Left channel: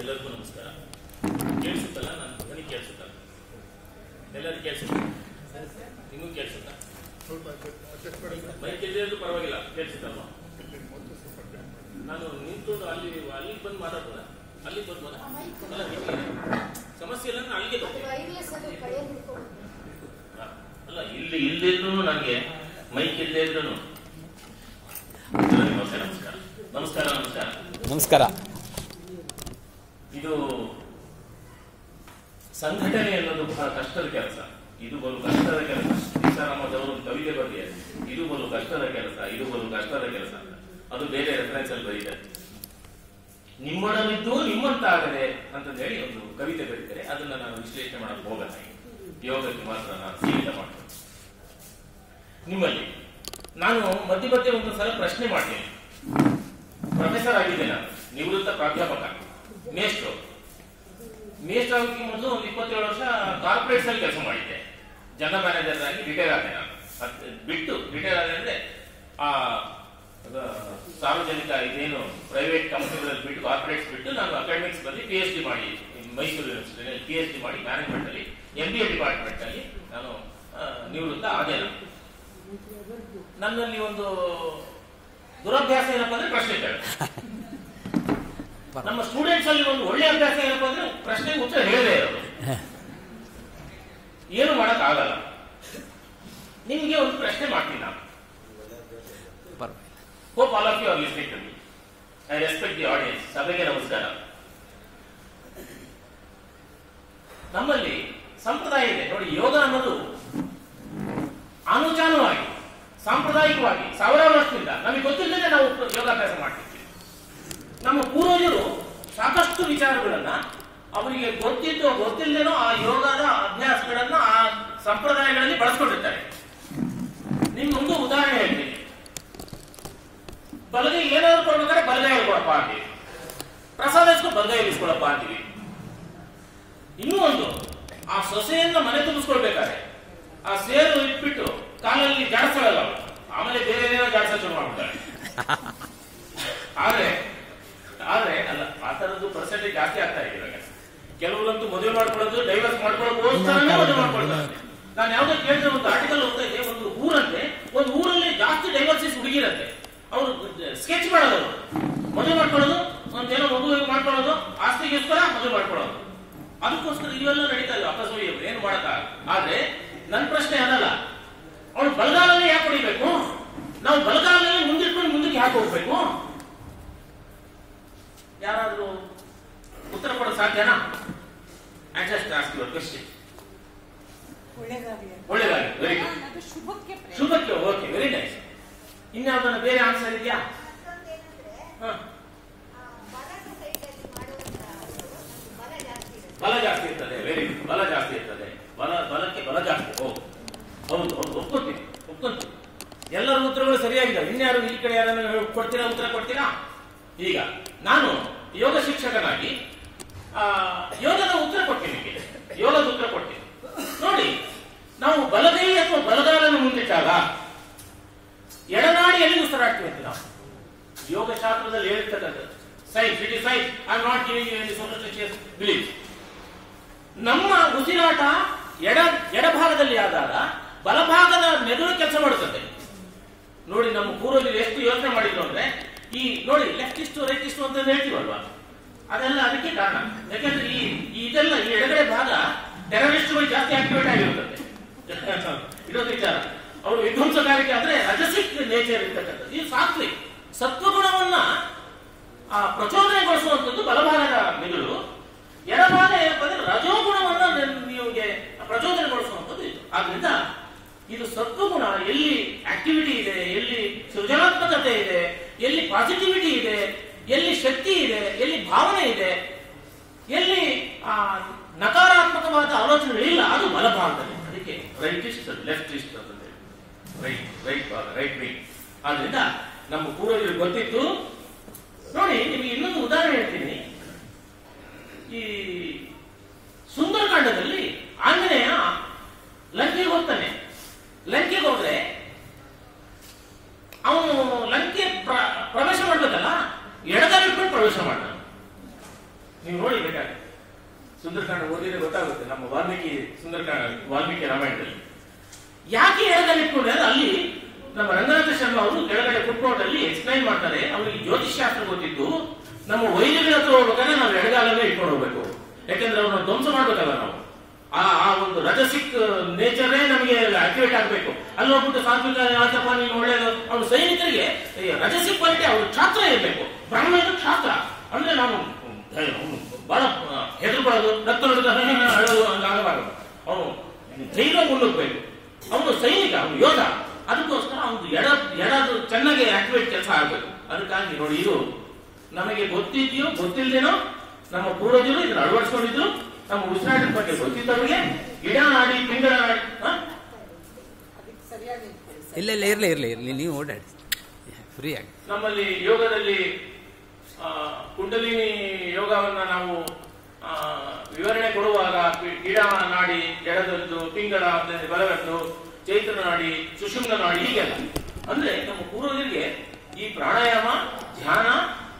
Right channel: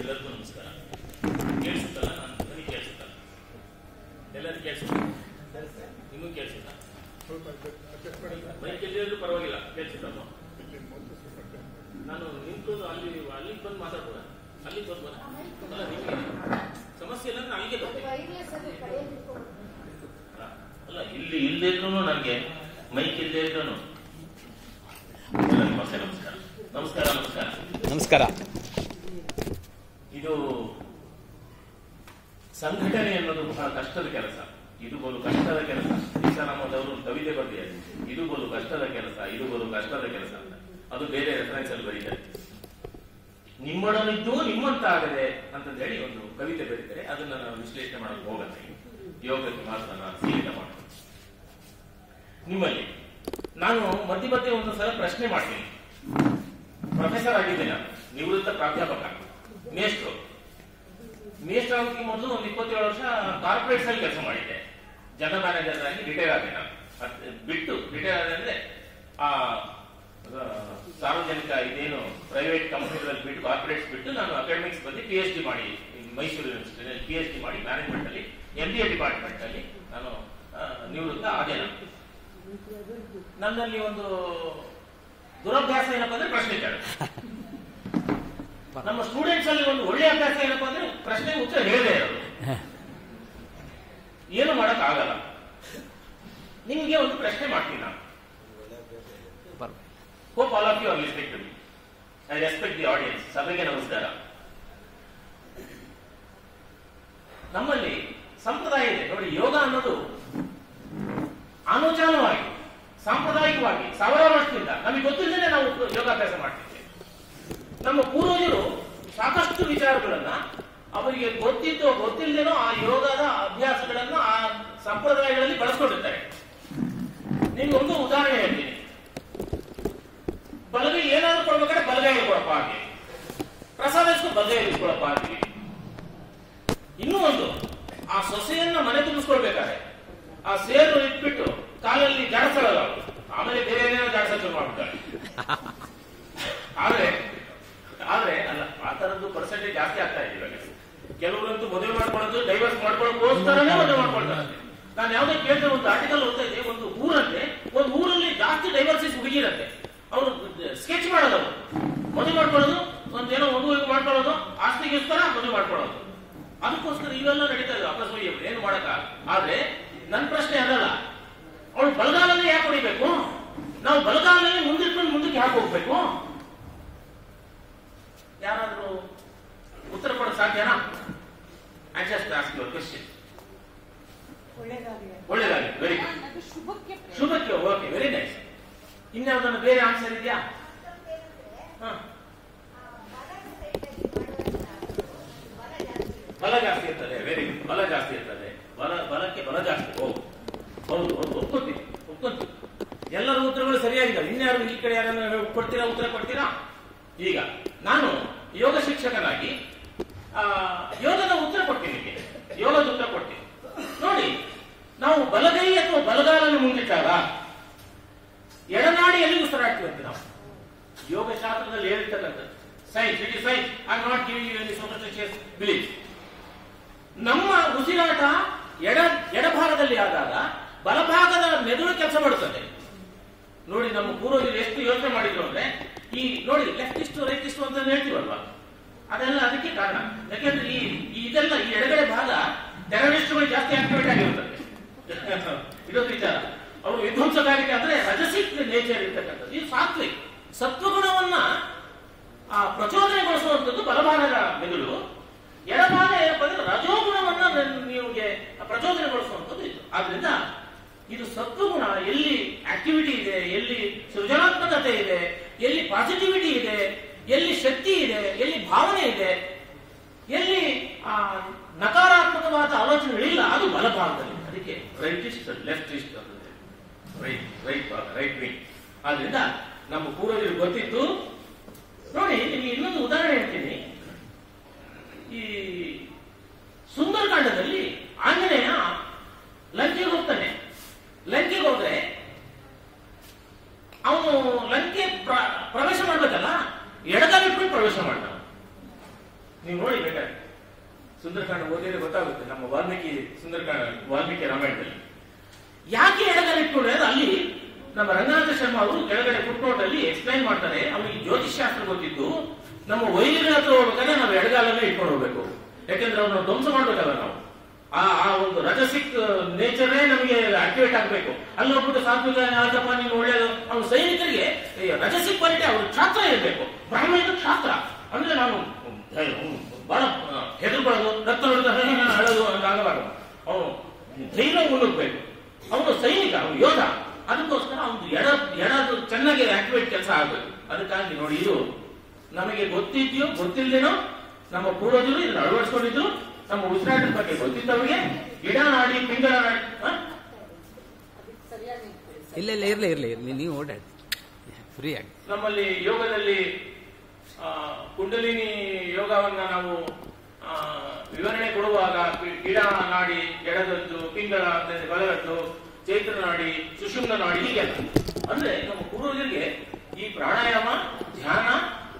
ಎಲ್ಲರಿಗೂ ನಮಸ್ಕಾರ. ಕೇಳಿಸುತ್ತಲ್ಲ? ನಾನು ಧ್ವನಿ ಕೇಳಿಸುತ್ತಲ್ಲ? ಎಲ್ಲರಿಗೂ ಕೇಳಿಸುತ್ತ? ನಿಮಗೂ ಕೇಳಿಸುತ್ತ? ಮೈಕ್ ಇಲ್ಲದಿದ್ರು ಪರವಾಗಿಲ್ಲ, ಕೇಳಿಸುತ್ತಲ್ವ? ನಾನು ನಿಂತ್ಕೊಂಡು ಅಲ್ಲಿಗೆ ಬಂದು ಮಾತಾಡ್ಬೋದ? ಅಲ್ಲಿಗೆ ಬರ್ಬೋದ? ಅಲ್ಲ, ನಿಮಗೆ ಸಮಸ್ಯೆ ಇಲ್ಲ, ನಾನು ಅಲ್ಲಿಗೆ ಬರ್ತೀನಿ. ಅಲ್ಲ, ಇಲ್ಲದಿದ್ರು ನನಗೆ ಮೈಕ್ ಇಲ್ಲದೆ ಇದ್ರು ನಮಸ್ಕಾರ ನಮಸ್ಕಾರ ನಮಸ್ಕಾರ ನಮಸ್ಕಾರ. ಇದು ಸಂಘಟನೆ ಅನ್ನೋದು ಬಹಳ ಕಷ್ಟದ ಕೆಲಸ. ಇದು ಬಲು ಕಷ್ಟದ ಕೆಲಸ. ಸೀತಾರಾಮದವರು ಕವಿತೆ ಬರೆದಿದ್ದಾರೆ, ಇದು ಬಲು ಕಷ್ಟದ ಕೆಲಸ, ಇದು ಬಲು ಕಷ್ಟದ ಕೆಲಸ ಅಂತ. ಅದು ಬೇರೆ ರೆಫರೆನ್ಸ್ ಅಲ್ಲಿ ಬರೀತಾರೆ. ನಿಮ್ಮೊಡನಿದ್ದು ನಿಮ್ಮಂತಾಗದೆ ಅಂತಂದು ಹೇಳಿ ಒಂದು ಕವಿತೆ ಬರೀತಾರೆ. ಅದನ್ನ ನಾನು ವಿಶ್ಲೇಷಣೆ ಮಾಡಕ್ಕೆ ಹೋಗಲ್ಲ. ಯೋಗಕ್ಕೆ ಮಾತ್ರ ನಾನು ಸೀಮಿತ ಮಾಡ್ತೀನಿ. ನಿಮ್ಮಲ್ಲಿ ನಾನು ಮಧ್ಯೆ ಒಂದು ಸಲ ಪ್ರಶ್ನೆ ಮಾಡ್ತೀನಿ. ಪ್ರೊಫೆಸರ್ ಆಗಿದ್ದೆ ನಾನು, ನಿವೃತ್ತ ಪ್ರಾಧ್ಯಾಪಕ, ಮೇಷ್ಟ್ರು ಆಗೋದಕ್ಕೆ ಮೊದಲು ಒಂದು 27 ವರ್ಷ ಕಾರ್ಪೊರೇಟ್ಸ್ ಅಲ್ಲಿ ಕೆಲಸ ಮಾಡಿದ್ದೆ. ಜನರಲ್ ಮ್ಯಾನೇಜರ್ ಆಗಿ ರಿಟೈರ್ ಆದೆ. ನಾನು ಬಿಟ್ಟು ರಿಟೈರ್ ಆದೆ ಅಂದ್ರೆ ಆ ಸಾರ್ವಜನಿಕ ಇದೇನು ಪ್ರೈವೇಟ್ ಕಂಪನಿಗಳಲ್ಲಿ ಬಿಟ್ಟು ಕಾರ್ಪೊರೇಟ್ಸ್ ಬಿಟ್ಟು ನಾನು ಅಕಾಡೆಮಿಕ್ಸ್ ಬಂದು PhD ಮಾಡಿ ಮೈಸೂರು ಯೂನಿವರ್ಸಿಟಿಯಲ್ಲಿ PhD ಮಾಡಿ ಮ್ಯಾನೇಜ್ಮೆಂಟ್ ಅಲ್ಲಿ MBA ಡಿಪಾರ್ಟ್ಮೆಂಟ್ ಅಲ್ಲಿ ನಾನು ನಿವೃತ್ತ ಆದೆ. ನನ್ನಲ್ಲಿ ಒಂದು ದುರಭ್ಯಾಸ ಏನಪ್ಪಾ ಅಂದ್ರೆ ಪ್ರಶ್ನೆ ಕೇಳಿ. ನಮ್ಮ ಸ್ಟೂಡೆಂಟ್ಸ್ ಅಲ್ಲಿ ಒಂದು ಒಳ್ಳೆ ಅಭ್ಯಾಸ ಏನಪ್ಪಾ ಅಂದ್ರೆ ಪ್ರಶ್ನೆಗೆ ಉತ್ತರ ಹೇಳದೇ ಇರೋದು. ಏನು ಮಾಡಕ್ ಆಗಲ್ಲ. ನಿಮ್ಗೆ ಒಂದು ಪ್ರಶ್ನೆ ಮಾಡ್ತೀನಿ ನಾನು. Hope all of you are listening to me. I respect the audience. ಸಭೆಗೆ ನಮಸ್ಕಾರ. ನಮ್ಮಲ್ಲಿ ಸಂಪ್ರದಾಯ ಇದೆ ನೋಡಿ. ಯೋಗ ಅನ್ನೋದು ಅನುಚಾನವಾಗಿ ಸಾಂಪ್ರದಾಯಿಕವಾಗಿ ಸಾವಿರಾರು ವರ್ಷದಿಂದ ನಮಗೆ ಗೊತ್ತಿಲ್ಲದೆ ನಾವು ಯೋಗಾಭ್ಯಾಸ ಮಾಡ್ತಿದ್ವಿ. ನಮ್ಮ ಪೂರ್ವಜರು ಸಾಕಷ್ಟು ವಿಚಾರಗಳನ್ನ ಅವರಿಗೆ ಗೊತ್ತಿದ್ದೋ ಗೊತ್ತಿಲ್ಲದೇನೋ ಆ ಯೋಗದ ಅಭ್ಯಾಸಗಳನ್ನ ಆ ಸಂಪ್ರದಾಯಗಳಲ್ಲಿ ಬಳಸ್ಕೊಂಡಿರ್ತಾರೆ. ನಿಮ್ಗೊಂದು ಉದಾಹರಣೆ ಹೇಳ್ತೀನಿ. ಬಲಗೈ ಏನಾದ್ರು ಕೊಡ್ಬೇಕಾದ್ರೆ ಬಲಗೈ ಕೊಡಪ್ಪ ಹಾಗೆ, ಪ್ರಸಾದ ಇಸ್ಕೊಂಡು ಬಲಗೈ ಇಸ್ಕೊಳಪ್ಪ ಹಾಗೆ. ಇನ್ನೂ ಒಂದು, ಆ ಸೊಸೆಯನ್ನ ಮನೆ ತುಂಬಿಸ್ಕೊಳ್ಬೇಕಾದ್ರೆ ಆ ಸೇರು ಇಟ್ಬಿಟ್ಟು ಕಾಲಲ್ಲಿ ಜಾಡಿಸಲ್ಲ, ಆಮೇಲೆ ಬೇರೆ ಏನೇನೋ ಜಾಡಿಸೋಕೆ ಶುರು ಮಾಡ್ಬಿಡ್ತಾರೆ. ಆದ್ರೆ ಅಲ್ಲ, ಆ ತರದ್ದು ಪರ್ಸೆಂಟೇಜ್ ಜಾಸ್ತಿ ಆಗ್ತಾ ಇದೆ ಇವಾಗ. ಕೆಲವರಂತೂ ಮದುವೆ ಮಾಡ್ಕೊಳ್ಳೋದು ಡೈವರ್ಸ್ ಮಾಡ್ಕೊಳ್ಳೋದಕ್ಕೋಸ್ಕರನೇ ಮದುವೆ ಮಾಡ್ಕೊಳ್ತಾರೆ. ನಾನು ಯಾವ್ದೋ ಕೇಳಿದ ಒಂದು ಆರ್ಟಿಕಲ್ ಓದ್ತಾ ಇದ್ದೆ. ಒಂದು ಊರಲ್ಲಿ ಜಾಸ್ತಿ ಡೈವರ್ಸಿಸ್ ಹುಡುಗಿರಂತೆ. ಅವರು ಸ್ಕೆಚ್ ಮಾಡೋದು, ಮದುವೆ ಮಾಡ್ಕೊಳ್ಳೋದು, ಒಂದೇನೋ ಮದುವೆ ಮಾಡ್ಕೊಳ್ಳೋದು, ಆಸ್ತಿಗೋಸ್ಕರ ಮದುವೆ ಮಾಡ್ಕೊಳ್ಳೋದು. ಅದಕ್ಕೋಸ್ಕರ ಇವೆಲ್ಲ ನಡೀತಾ ಇದೆ. ಅಕಸ್ಮಾತ್ ಏನು ಮಾಡಕ. ಆದ್ರೆ ನನ್ನ ಪ್ರಶ್ನೆ ಅದಲ್ಲ. ಅವಳು ಬಲಗಾಲಲ್ಲಿ ಯಾಕೆ ಹೊಡಿಬೇಕು? ನಾವು ಬಲಗಾಲಲ್ಲಿ ಮುಂದಿಟ್ಕೊಂಡು ಮುಂದಕ್ಕೆ ಯಾಕೆ ಹೋಗ್ಬೇಕು? ಯಾರಾದ್ರೂ ಉತ್ತರ ಕೊಡೋದು ಸಾಧ್ಯನಾ? I just ask your question. ಒಳ್ಳೆದಾಗಿ, ವೆರಿ ಗುಡ್. ಶುಭಕ್ಕೆ, ಓಕೆ, ವೆರಿ ನೈಸ್. ಇನ್ಯಾವುದನ್ನ ಬೇರೆ ಆನ್ಸರ್ ಇದೆಯಾ? ಬಲ ಜಾಸ್ತಿ ಇರ್ತದೆ. Very good. ಬಲ ಜಾಸ್ತಿ ಇರ್ತದೆ. ಬಲಕ್ಕೆ ಬಲ ಜಾಸ್ತಿ. ಹೌದು, ಒಪ್ಕೊಳ್ತೀನಿ. ಎಲ್ಲರ ಉತ್ತರಗಳು ಸರಿಯಾಗಿಲ್ಲ. ಇನ್ಯಾರು ಈ ಕಡೆ ಯಾರನ್ನ ಕೊಡ್ತೀರಾ? ಉತ್ತರ ಕೊಡ್ತೀರಾ? ಈಗ ನಾನು ಯೋಗ ಶಿಕ್ಷಕನಾಗಿ ಯೋಗದ ಉತ್ತರ ಕೊಡ್ತೀನಿ. ಯೋಗದ ಉತ್ತರ ಕೊಡ್ತೀನಿ ನೋಡಿ. ನಾವು ಬಲಗೈ ಅಥವಾ ಬಲಗಾಲನ್ನು ಮುಂದಿಟ್ಟಾಗ ಎಡನಾಡಿಯಲ್ಲಿ ಉಸಿರಾಡ್ತೀವಿ ಅಂತ ನಾವು ಯೋಗ ಶಾಸ್ತ್ರದಲ್ಲಿ ಹೇಳಿರ್ತಕ್ಕಂಥದ್ದು. Science, it is science. I am not giving you any superstitious belief. ನಮ್ಮ ಉಸಿರಾಟ ಎಡಭಾಗದಲ್ಲಿ ಆದಾಗ ಬಲಭಾಗದ ಮೆದುಳು ಕೆಲಸ ಮಾಡುತ್ತದೆ ನೋಡಿ. ನಮ್ಮ ಪೂರ್ವಜರು ಎಷ್ಟು ಯೋಚನೆ ಮಾಡಿದ್ರು ಅಂದ್ರೆ, ಈ ನೋಡಿ ಲೆಫ್ಟ್ ಇಷ್ಟು ರೈಟ್ ಇಷ್ಟು ಅಂತ ಹೇಳ್ತೀವಲ್ವಾ, ಅದೆಲ್ಲ ಅದಕ್ಕೆ ಕಾರಣ. ಯಾಕೆಂದ್ರೆ ಇದೆಲ್ಲ ಈ ಎಡಗಡೆ ಭಾಗ ಟೆರರಿಸ್ಟ್ಗಳು ಜಾಸ್ತಿ ಆಕ್ಟಿವೇಟ್ ಆಗಿರುತ್ತದೆ. ಇದೊಂದು ವಿಚಾರ. ಅವರು ವಿಧ್ವಂಸಕಾರಿಕೆ ಅಂದ್ರೆ ರಜಸಿಕ್ ನೇಚರ್ ಇರ್ತಕ್ಕಂಥದ್ದು. ಇದು ಸಾತ್ವಿಕ್ ಸತ್ವಗುಣವನ್ನ ಪ್ರಚೋದನೆಗೊಳಿಸುವಂಥದ್ದು ಬಲಭಾಗದ ಮೆದುಳು. ಎಡಭಾಗ ಏನಪ್ಪ ಅಂದ್ರೆ ರಜೋಗುಣವನ್ನ ನಿಮಗೆ ಪ್ರಚೋದನೆಗೊಳಿಸುವಂಥದ್ದು ಇದು. ಆದ್ರಿಂದ ಇದು ಸತ್ವಗುಣ ಎಲ್ಲಿ ಆಕ್ಟಿವಿಟಿ ಇದೆ, ಎಲ್ಲಿ ಸೃಜನಾತ್ಮಕತೆ ಇದೆ, ಎಲ್ಲಿ ಪಾಸಿಟಿವಿಟಿ ಇದೆ, ಎಲ್ಲಿ ಶಕ್ತಿ ಇದೆ, ಎಲ್ಲಿ ಭಾವನೆ ಇದೆ, ಎಲ್ಲಿ ನಕಾರಾತ್ಮಕವಾದ ಆಲೋಚನೆಗಳಿಲ್ಲ, ಅದು ಬಲಭಾಗದಲ್ಲಿ. ಅದಕ್ಕೆ ರೈಟ್ ಇಸ್ಟ್ ಲೆಫ್ಟ್ ಇಸ್ಟ್ ಅಂತಂದ್ರೆ ರೈಟ್ ವಿಂಗ್. ಆದ್ರಿಂದ ನಮ್ಮ ಪೂರ್ವಜರು ಗೊತ್ತಿತ್ತು ನೋಡಿ. ನಿಮಗೆ ಇನ್ನೊಂದು ಉದಾಹರಣೆ ಹೇಳ್ತೀನಿ. ಈ ಸುಂದರಕಾಂಡದಲ್ಲಿ ಆಂಜನೇಯ ಲಂಕೆಗೆ ಹೋಗ್ತಾನೆ. ಲಂಕೆಗೆ ಹೋದ್ರೆ ಅವನು ಲಂಕೆ ಪ್ರವೇಶ ಮಾಡ್ಬೇಕಲ್ಲ, ಎಡಗಾಲ ಇಟ್ಕೊಂಡು ಪ್ರವೇಶ ಮಾಡ್ತಾನೆ. ನೀವು ನೋಡಿ ಬೇಕಾದ್ರೆ ಸುಂದರಕಾಂಡ ಓದಿದ್ರೆ ಗೊತ್ತಾಗುತ್ತೆ. ನಮ್ಮ ವಾಲ್ಮೀಕಿ ರಾಮಾಯಣದಲ್ಲಿ ಯಾಕೆ ಎಡಗಡೆ ಇಟ್ಕೊಂಡ್ರೆ ಅಲ್ಲಿ ನಮ್ಮ ರಂಗನಾಥ ಶರ್ಮಾ ಅವರು ಕೆಳಗಡೆ ಫುಟ್ನೋಟ್ ಅಲ್ಲಿ ಎಕ್ಸ್ಪ್ಲೈನ್ ಮಾಡ್ತಾರೆ. ಅವ್ರಿಗೆ ಜ್ಯೋತಿಷ್ಶಾಸ್ತ್ರ ಗೊತ್ತಿದ್ದು ನಮ್ಮ ವೈದ್ಯರ ಹತ್ರ ಹೋಗ್ಬೇಕಾದ್ರೆ ನಾವು ಎಡಗಾಲಲ್ಲೇ ಇಟ್ಕೊಂಡು ಹೋಗ್ಬೇಕು. ಯಾಕೆಂದ್ರೆ ಅವ್ರನ್ನ ಧ್ವಂಸ ಮಾಡ್ಬೇಕಲ್ಲ ನಾವು. ಆ ಒಂದು ರಜಸಿಕ್ ನೇಚರೇ ನಮಗೆ ಆಕ್ಟಿವೇಟ್ ಆಗ್ಬೇಕು. ಅಲ್ಲಿ ಹೋಗ್ಬಿಟ್ಟು ಸಾತ್ವಿಕ ಆತಪ್ಪ ನೀನು ಒಳ್ಳೇದು. ಅವ್ರ ಸೈನಿಕರಿಗೆ ರಜಸಿಕ್ ಕ್ವಾಲಿಟಿ ಅವ್ರ ಛಾತ್ರ ಇರಬೇಕು. ಬ್ರಾಹ್ಮಣ ಛಾತ್ರ ಅಂದ್ರೆ ನಾವು ಬಹಳ ಹೆದರ್ಬಾರ್ದು, ರಕ್ತ ಹೇಳೋದು ಅಂತ ಆಗಬಾರದು. ಅವನು ಧೈರ್ಯ ಮುನ್ನುಗ್ಬೇಕು. ಅವನು ಸೈನಿಕ, ಅವನು ಯೋಧ. ಅದಕ್ಕೋಸ್ಕರ ಅವನು ಎಡದು ಚೆನ್ನಾಗಿ ಆಕ್ಟಿವೇಟ್ ಕೆಲಸ ಆಗಬೇಕು. ಅದಕ್ಕಾಗಿ ನೋಡಿ, ಇದು ನಮಗೆ ಗೊತ್ತಿದ್ಯೋ ಗೊತ್ತಿಲ್ಲದೇನೋ ನಮ್ಮ ಪೂರ್ವಜರು ಇದನ್ನ ಅಳವಡಿಸ್ಕೊಂಡಿದ್ರು. ನಮ್ಮ ಉಸಿರಾಟದ ಬಗ್ಗೆ ಗೊತ್ತಿದ್ದವರಿಗೆ ಗಿಡ ನಾಡಿ ಪಿಂಗಳ ನಾಡಿ ಇಲ್ಲ ಇರ್ಲಿ ನೀವು ಓಡಾಡಿ ಫ್ರೀ ಆಗಿ. ನಮ್ಮಲ್ಲಿ ಯೋಗದಲ್ಲಿ ಕುಂಡಲಿನಿ ಯೋಗವನ್ನ ನಾವು ವಿವರಣೆ ಕೊಡುವಾಗ ಗಿಡ ನಾಡಿ ಎಡದದ್ದು, ಪಿಂಗಳ ಬಲಗಟ್ಟು, ಚೈತ್ರ ನಾಡಿ, ಸುಷುಮ್ನ ನಾಡಿ, ಹೀಗೆಲ್ಲ ಅಂದ್ರೆ ನಮ್ಮ ಪೂರ್ವಜರಿಗೆ ಈ ಪ್ರಾಣಾಯಾಮ, ಧ್ಯಾನ,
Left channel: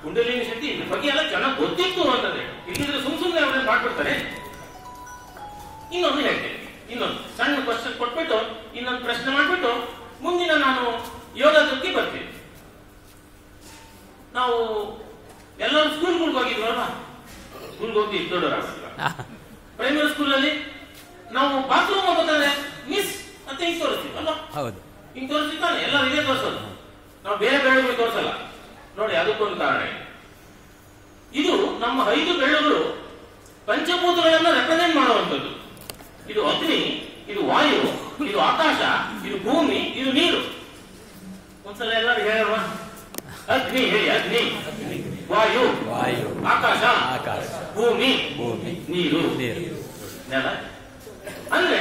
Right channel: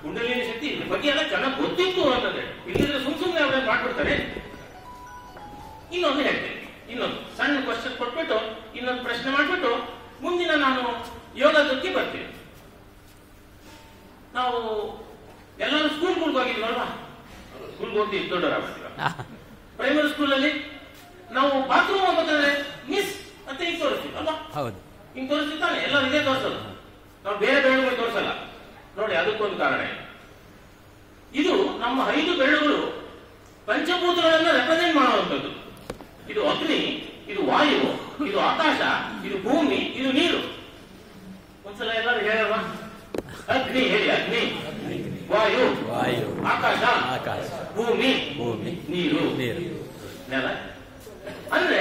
ಕುಂಡಲಿನಿ ಶಕ್ತಿ ಇದ್ರ ಬಗ್ಗೆ ಎಲ್ಲ ಚೆನ್ನಾಗಿ ಗೊತ್ತಿತ್ತು ಅಂತಂದ್ರೆ. ಇಲ್ಲಿದ್ರೆ ಸುಮ್ಮನೆ ಅವ್ರನ್ನ ಮಾಡ್ಬಿಡ್ತಾರೆ. ಇನ್ನೊಂದು ಹೇಳ್ತೇನೆ, ಇನ್ನೊಂದು ಸಣ್ಣ ಕ್ವಶನ್ ಕೊಟ್ಬಿಟ್ಟು ಇನ್ನೊಂದು ಪ್ರಶ್ನೆ ಮಾಡ್ಬಿಟ್ಟು ಮುಂದಿನ ನಾನು ಯೋಗದಕ್ಕೆ ಬರ್ತೀನಿ. ನಾವು ಎಲ್ಲರೂ ಸ್ಕೂಲ್ಗಳಿಗೆ ಹೋಗಿದ್ವಲ್ವಾ? ಸ್ಕೂಲ್ಗೆ ಹೋಗಿ ದೊಡ್ಡವರಾಗ್ತೀವ. ಪ್ರೈಮರಿ ಸ್ಕೂಲಲ್ಲಿ ನಾವು ಬಾತ್ರೂಮ್ ಹೋಗೋದಾದ್ರೆ ಮಿಸ್ ಅಂತ ಹಿಂಗ್ ತೋರಿಸ್ತೀವಿ ಅಲ್ವಾ? ಹೌದು, ಹಿಂಗ್ ತೋರಿಸ್ತಾನೆ. ಎಲ್ಲ ಇದೇ ತೋರಿಸೋದು, ನಾವು ಬೇರೆ ಬೆರಳುಗಳು ತೋರಿಸಲ್ಲ. ನೋಡಿ, ಅದಕ್ಕೊಂದು ಕಾರಣ. ಇದು ನಮ್ಮ 5 ಬೆರಳುಗಳು ಪಂಚಭೂತಗಳನ್ನ ರೆಪ್ರೆಸೆಂಟ್ ಮಾಡುವಂಥದ್ದು. ಇದು ಅಗ್ನಿ, ಇದು ವಾಯು, ಇದು ಆಕಾಶ, ಇದು ಭೂಮಿ, ಇದು ನೀರು. ಒಂದ್ಸಲ ಎಲ್ಲರೂ ಹೇಳುವ ಅಗ್ನಿ ಹೇಳಿ. ಅಗ್ನಿ, ವಾಯು, ಆಕಾಶ, ಭೂಮಿ, ನೀರು, ನೆಲ. ಅಂದ್ರೆ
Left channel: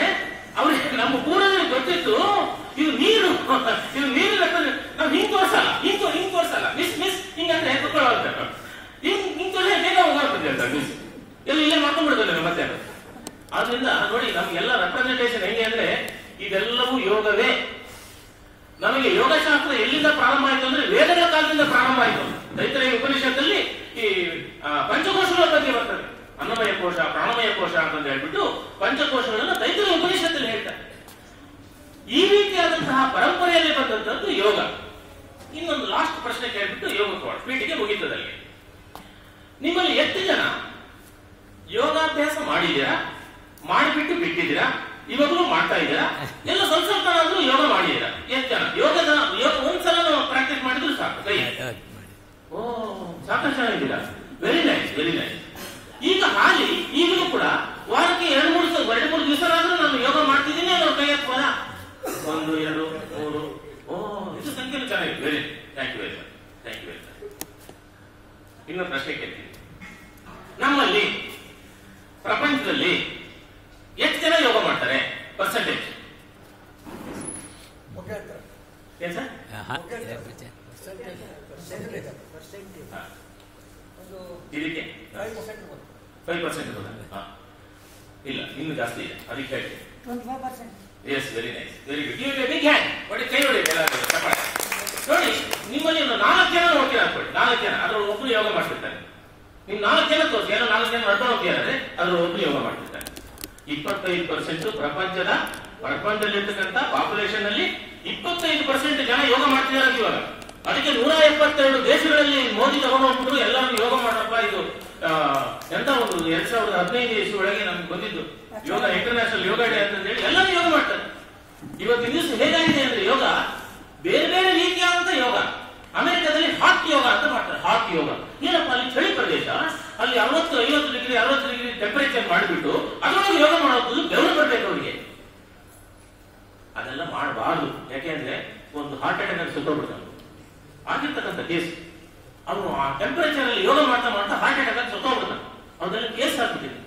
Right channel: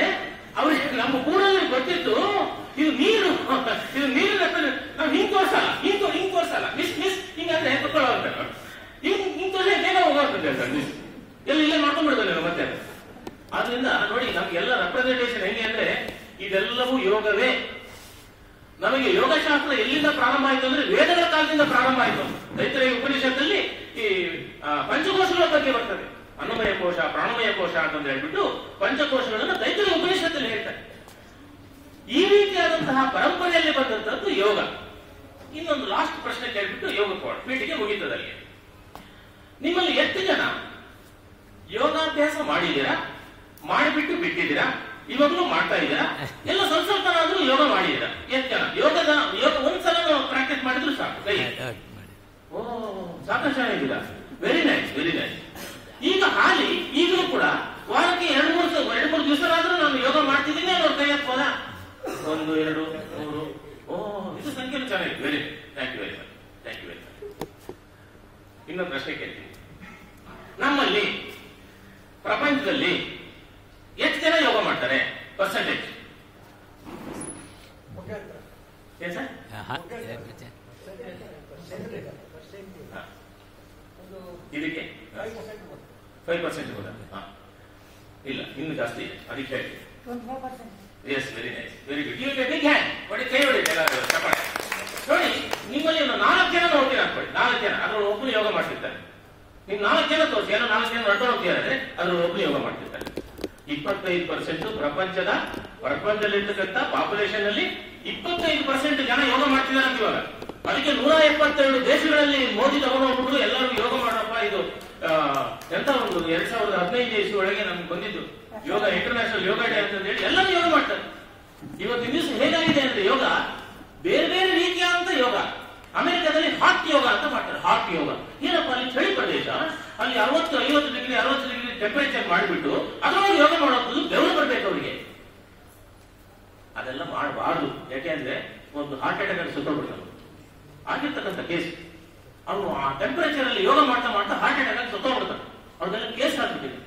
ಅವ್ರಿಗೆ ನಮ್ಮ ಪೂರ್ವಜರಿಗೆ ಗೊತ್ತಿತ್ತು ಇದು ನೀರು. ಇದು ನೀರು ನಾವು ಹಿಂಗ್ ತೋರ್ಸಲ್ಲ, ಹಿಂಗ್ ತೋರ್ಸಲ್ಲ. ಮಿಸ್ ಹಿಂಗಂದ್ರೆ ಕುತ್ಕೊಳ್ಳೋದು. ಹಿಂಗ್ ತೋರಿಸಿ ಬೇಗ ಹೋಗ್ತದೆ ಸರ್. ಮಿಸ್ ಎಲ್ಲ ಇಲ್ಲೇ ಮಾಡ್ಕೊಂಡ್ಬಿಡ್ತದೆ ಮತ್ತೆ. ಆದ್ರಿಂದ ನೋಡಿ, ನಮ್ಗೆಲ್ಲ ರೆಪ್ರೆಸೆಂಟೇಷನ್ ಹೆಂಗೆ ಅಂದ್ರೆ ಇದೆಲ್ಲವೂ ಯೋಗವೇ. ನಮಗೆ ಯೋಗಶಾಸ್ತ್ರ ಎಲ್ಲಿಂದ ಪ್ರಾರಂಭ ಆಯ್ತು ಅಂದ್ರೆ ವೇದಗಳ ಕಾಲದಿಂದ ಪ್ರಾರಂಭ ಆಯ್ತು. ತೈತ್ರೇಯ ಉಪನಿಷತ್ತಲ್ಲಿ ಈ ಪಂಚಕೋಶಗಳ ಬಗ್ಗೆ ಬರ್ತದೆ. ಅನ್ನಮಯ ಕೋಶ, ಪ್ರಾಣಮಯ ಕೋಶ ಅಂತ ಹೇಳ್ಬಿಟ್ಟು ಪಂಚಕೋಶಗಳನ್ನ ತೈತ್ರೇಯ ಉಪನಿಷತ್ತಲ್ಲಿ ಹೇಳ್ತಾರೆ. ಈ ರೀತಿಯಾದಂತಹ ಪರಂಪರೆಯಲ್ಲಿ ಬಂದಂತದ್ದು ಯೋಗ. ಇನ್ನೊಂದು ಲಾಸ್ಟ್ ಪ್ರಶ್ನೆ ಕೇಳ್ಬಿಟ್ಟು ಯೋಗ ಪೀಠಿಗೆ ಮುಗಿತದಲ್ಲಿ. ನಿಮ್ಮಲ್ಲಿ ಎಷ್ಟು ಜನ ಯೋಗಾಭ್ಯಾಸ ಮಾಡಿದ್ದೀರಾ, ಮಾಡಿಬಿಟ್ಟು ಬಿಟ್ಟಿದ್ದೀರಾ, ಇವಾಗಲೂ ಮಾಡ್ತಾ ಇದ್ದೀರಾ? ಎಲ್ಲ ಸ್ವಲ್ಪ ಆದ್ರೂ ಯೋಗ ಮಾಡಿದ್ದೀರಾ? ಎಷ್ಟು ಜನ ಯೋಗ ಒಂದ್ಸಲ ಪ್ರಾಕ್ಟೀಸ್ ಮಾಡಿದ್ರು ಸಾಕು ಕೈ? ಓ, ಸಾಕಷ್ಟು ಜನ ಇದ್ದೀರಾ. Very nice, very nice. ಈಗ ಹಾಲಿ ಈಗಲೂ ಕೂಡ ವಾರಕ್ಕೆ 2-3 ದಿವಸರಾದ್ರೂ ನಾನು ಯೋಗ ಮಾಡ್ತಿದ್ದೀನಿ. ಅವ್ರ ಕೈ ಎತ್ಕೋಣ 1, 2, 3. ಓ, ಇದು ಸಂಖ್ಯೆ ಚೆನ್ನಾಗಿದೆ. Very thank you very much, thank you very much. ಇನ್ನೊಂದು ಪ್ರಶ್ನೆ ಕೇಳ್ತೀನಿ. ನಮ್ಮಲ್ಲಿ ಪ್ರಪಂಚದಲ್ಲಿ ಎಷ್ಟು ಜನ ಯೋಗ ಮಾಡ್ತಾರೆ? ಪರ್ಸೆಂಟೇಜ್ ಏನ್ ಸರ್? ಇದಕ್ಕೆ 5% ಇಲ್ಲ, ಇನ್ನು ಜಾಸ್ತಿ ಇದೆ. ಅದಕ್ಕೆ ಹೇಳಿ. Yes, very nice, very good. You big hand ನೋಡಿ, ಕೈ ಹೊಡಿ ನೋಡಿ. ನಿಮ್ಮಲ್ಲಿ ಒಂದು 4 ಜನ ನೋಡ್ತೀರಾ ಅನ್ಕೊಳ್ಳಿ. 4 ಜನ ಅದ್ರ ಒಬ್ರು ಯೋಗ ಮಾಡ್ತಿರ್ತಾರೆ. ನೀವು 4 ಜನ ತೋರಿಸಿ, 4 ಜನ ಅಡ್ಡ ಹೋಗ್ತಿದ್ದಾರೆ, ಅದ್ರ ಒಬ್ರು ಯೋಗ ಮಾಡ್ತಿರ್ತಾರೆ. 25% ಪ್ರಪಂಚದಲ್ಲಿರ್ತಕ್ಕಂಥ ಪಾಪ್ಯುಲೇಷನ್ ಅಲ್ಲಿ 25% ಜನ ಯೋಗ ಮಾಡ್ತಿದ್ದಾರೆ ಇವಾಗ. ಅದಕ್ಕೆ 172 ದೇಶಗಳಲ್ಲಿ ಮೋದಿ ತಗೊಂಡ್ಬಿಟ್ಟು ಎಲ್ಲರೂ ಯೋಗ ಮಾಡಪ್ಪ. ಇದು ಎಂತ ಒಂದು 2015 ಇಸ್ವಿಯೊಳಗೆ ನಮ್ಗೆ ಬಂದಿದ್ದು ಯೋಗ ಇಂಟರ್ನ್ಯಾಷನಲ್ ಯೋಗ ಡೇ ಅಂತ ಹೇಳಿ ಎಲ್ಲರೂ ಯೋಗ ಮಾಡ್ತಾರೆ. ಇವತ್ತಿನ ದಿವಸ ಹೇಗಾಗಿದೆ ಅಂದ್ರೆ ಯೋಗ ಬೇರೆ ಬೇರೆ ರೀತಿಯಾದಂತ ಯೋಗ. ಅಮೆರಿಕದಲ್ಲಿ ಹಾಟ್ ಯೋಗ ಅಂತ ಮಾಡ್ತಾರೆ. ಹಾಟ್ ಯೋಗ ಏನಪ್ಪ, ಅಲ್ಲಿ ಚಳಿ ಪ್ರದೇಶ, ಅಲ್ಲಿ 60 ಡಿಗ್ರಿ ಟೆಂಪರೇಚರ್ ಮಾಡಿಬಿಟ್ಟು ಅದರೊಳಗೆ ಯೋಗ ಮಾಡೋದು ಬೆವರು ಬರ್ಬೇಕು ಅವರಿಗೆ. ಅದೆಲ್ಲ ಮಾಡಬಾರ್ದು. ಯಾಕೆಂದ್ರೆ ಒಂದು ಹಾರ್ಟ್ ಅಟ್ಯಾಕ್ ಅಲ್ಲಿ ಸುತ್ತಬಿಡ್ತಾರೆ. ಆಗಿರ್ತಕ್ಕಂಥ ಕೇಸ್ ಅವನು ಆ ಟೆಂಪರೇಚರ್ ಅಲ್ಲಿ ಯೋಗ ಮಾಡ್ತಾ ಹಾರ್ಟ್ ಅಟ್ಯಾಕ್ ಅಲ್ಲಿ ಸುತ್ತೋಗ್ಬಿಡ್ತಾನೆ. ಅವ್ರದೆಲ್ಲ ಕೇಸ್ ಆಗ್ಬಿಟ್ಟಿದೆ.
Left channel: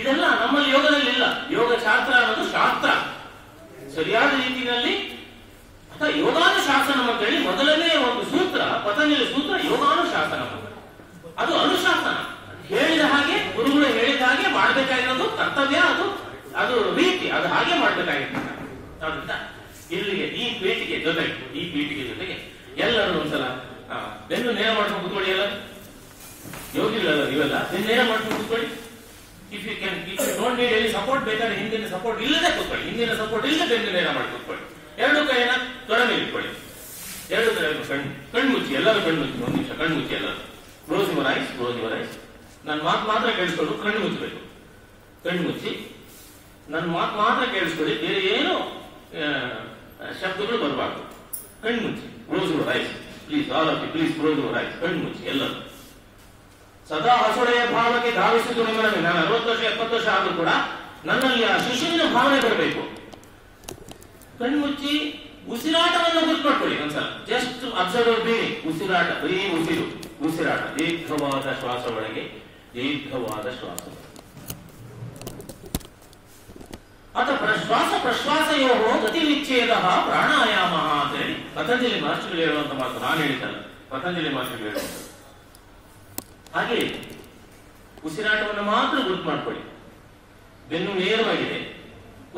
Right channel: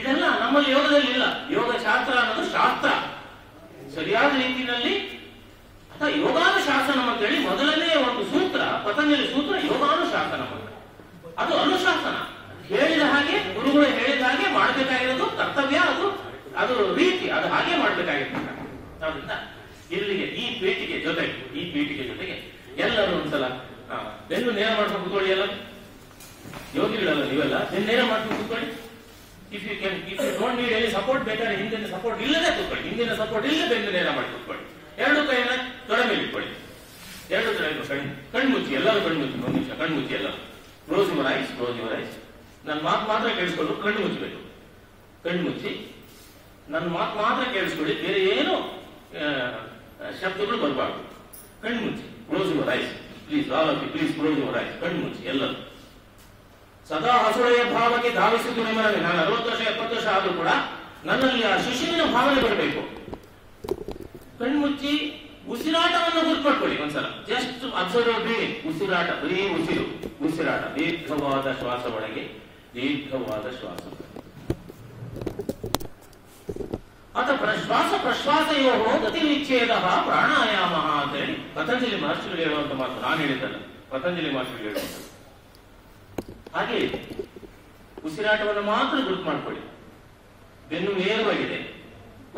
ಇದೆಲ್ಲ ನಮ್ಮಲ್ಲಿ ಯೋಗದಲ್ಲಿ ಇಲ್ಲ. ಯೋಗ ಶಾಸ್ತ್ರ ಅನ್ನೋದು ಶಾಸ್ತ್ರ ಸರಿಯಾದ ರೀತಿಯಲ್ಲಿ ಅಥವಾ ಯೋಗಾನುಶಾಸನ ಅಂತ ಹೇಳಿ ಮೊದಲನೇ ಒಂದು ಸೂತ್ರ, ಪತಂಜಲಿ ಸೂತ್ರ ಯೋಗಾನುಶಾಸನ. ಅದು ಅನುಶಾಸನ. ಹೇಳಿದ ಹಾಗೆ, ಗುರುಗಳು ಹೇಳಿದ ಹಾಗೆ ಮಾಡಬೇಕಾಗಿರೋದು ಕರ್ತವ್ಯ. ಅದು ರೀತಿ, ಅದು ಹಾಗೆ ಮಾಡಬೇಕಾಗಿರ್ತಕ್ಕ. ಇಲ್ಲಿಗೆ ಈ ಪೀಠಿಗೆ ಜೊತೆಗೆ ಎಲ್ಲರೂ ಒಂದ್ಸಲ ಬೆನ್ನು ನೇರ ಮಾಡ್ಕೊಂಡು ಕೂತ್ಕೊಳ್ಳಿ. ಎಲ್ಲ ಯೋಗಿಗಳಲ್ಲ ನೀವೆಲ್ಲ, ನೇರ ಮಾಡ್ಕೊಂಡು ಕೂತ್ಕೊಳ್ಳಿ. ಇಫ್ ಯು ಡೋಂಟ್ ನೀಡ್ ಎಲ್ಲಿ ಸಪೋರ್ಟ್ ಬೇಕಾದ್ರೆ ಹಿಂದಿನ ಸಪೋರ್ಟ್ ಇಲ್ಲದೆ ಕೂತ್ಕೊಳ್ಳಿ, ಹಿಂದಿನ ಸಪೋರ್ಟ್ ಇಲ್ಲದೆ ಬೆನ್ನು ನೇರ ಮಾಡಿ ಕೂತ್ಕೊಳ್ಳಿ. ಎರಡು ಕೈಯನ್ನ ತೊಡೆ ಮೇಲೆ ಇಟ್ಕೊಳ್ಳಿ, ಎರಡು ಕಡೆ ಕಣ್ಣು ಮುಚ್ಚಿ, ಎಲ್ಲರೂ ಕಣ್ಣು ಮುಚ್ಚಿ, ಒಂದು ನಿಮಿಷ ಕಣ್ಣು ಮುಚ್ಚಿ, ಎಲ್ಲರೂ close your ice, close your ice. ನನ್ನ ಮಾತು ಮಾತ್ರ ಕೇಳಿಸ್ಕೊಂಡು ಕಣ್ಣು ಮುಚ್ಚಬೇಕು, ಕಣ್ಣು ಮುಚ್ಚಿ ನನ್ನ ಮಾತು ಮಾತ್ರ ಕೇಳಿಸ್ಕೊಳ್ಳಿ, ಬೇರೆ ಏನು ಶಬ್ದಗಳು ಬರಬಾರ್ದು. ಕಣ್ಣು ಮುಚ್ಚಿ, close your eyes please, all of you please close your eyes. ಕಣ್ಣು ಮುಚ್ಚಿ ಎಲ್ಲರೂ. ಸದಾ ಹಸುಳೆಯ ಭಾವಕ್ಕೆ ಧಾವಿಸಿದ್ದು ನಿಮ್ಮಲ್ಲಿ. ನಾನು 60 ವರ್ಷ 70 ವರ್ಷ ಆದ್ರೂ ಕೂಡ ನನ್ನಲ್ಲಿ ಆ ಶಿಶುವಿನ ಭಾವನೆ ಬರಬೇಕು. ಕಣ್ಮುಚ್ಚಿ ಉಸಿರಾಟವನ್ನು ಗುರುತಿಟ್ಕೊಳ್ಳಿ ಒಂದ್ಸಲ. Just observe breathing. ಉಸಿರಾಟ, ಬರೀ ಉಸಿರು, ಉಸಿರಾಟ, ದೀರ್ಘವಾದ ಶ್ವಾಸ ಒಳಗೆ, ದೀರ್ಘವಾದ ಶ್ವಾಸ. ಅಥವಾ ಶ್ವಾಸ ಪ್ರಶ್ವಾಸಯೋ ಗತಿ ವಿಚ್ಛೇದ ಪ್ರಾಣಾಯಾಮ ಅಂತ ಹೇಳಿ ಪತಂಜಲಿ ಮಹರ್ಷಿಗಳು ಹೇಳುವಂತ ಮಾತು ನಾನು ಹೇಳಿದ್ದಲ್ಲ, ಪತಂಜಲಿ ಮಹರ್ಷಿಗಳು ಹೇಳುವಂತ. ಹಾಗೆ ಉಸಿರಾಟವನ್ನು ಮಾತ್ರ ಗುರುತು ಮಾಡ್ಕೊಳ್ಳಿ. ಬೆನ್ನು ನೇರವಾಗಿದೆ,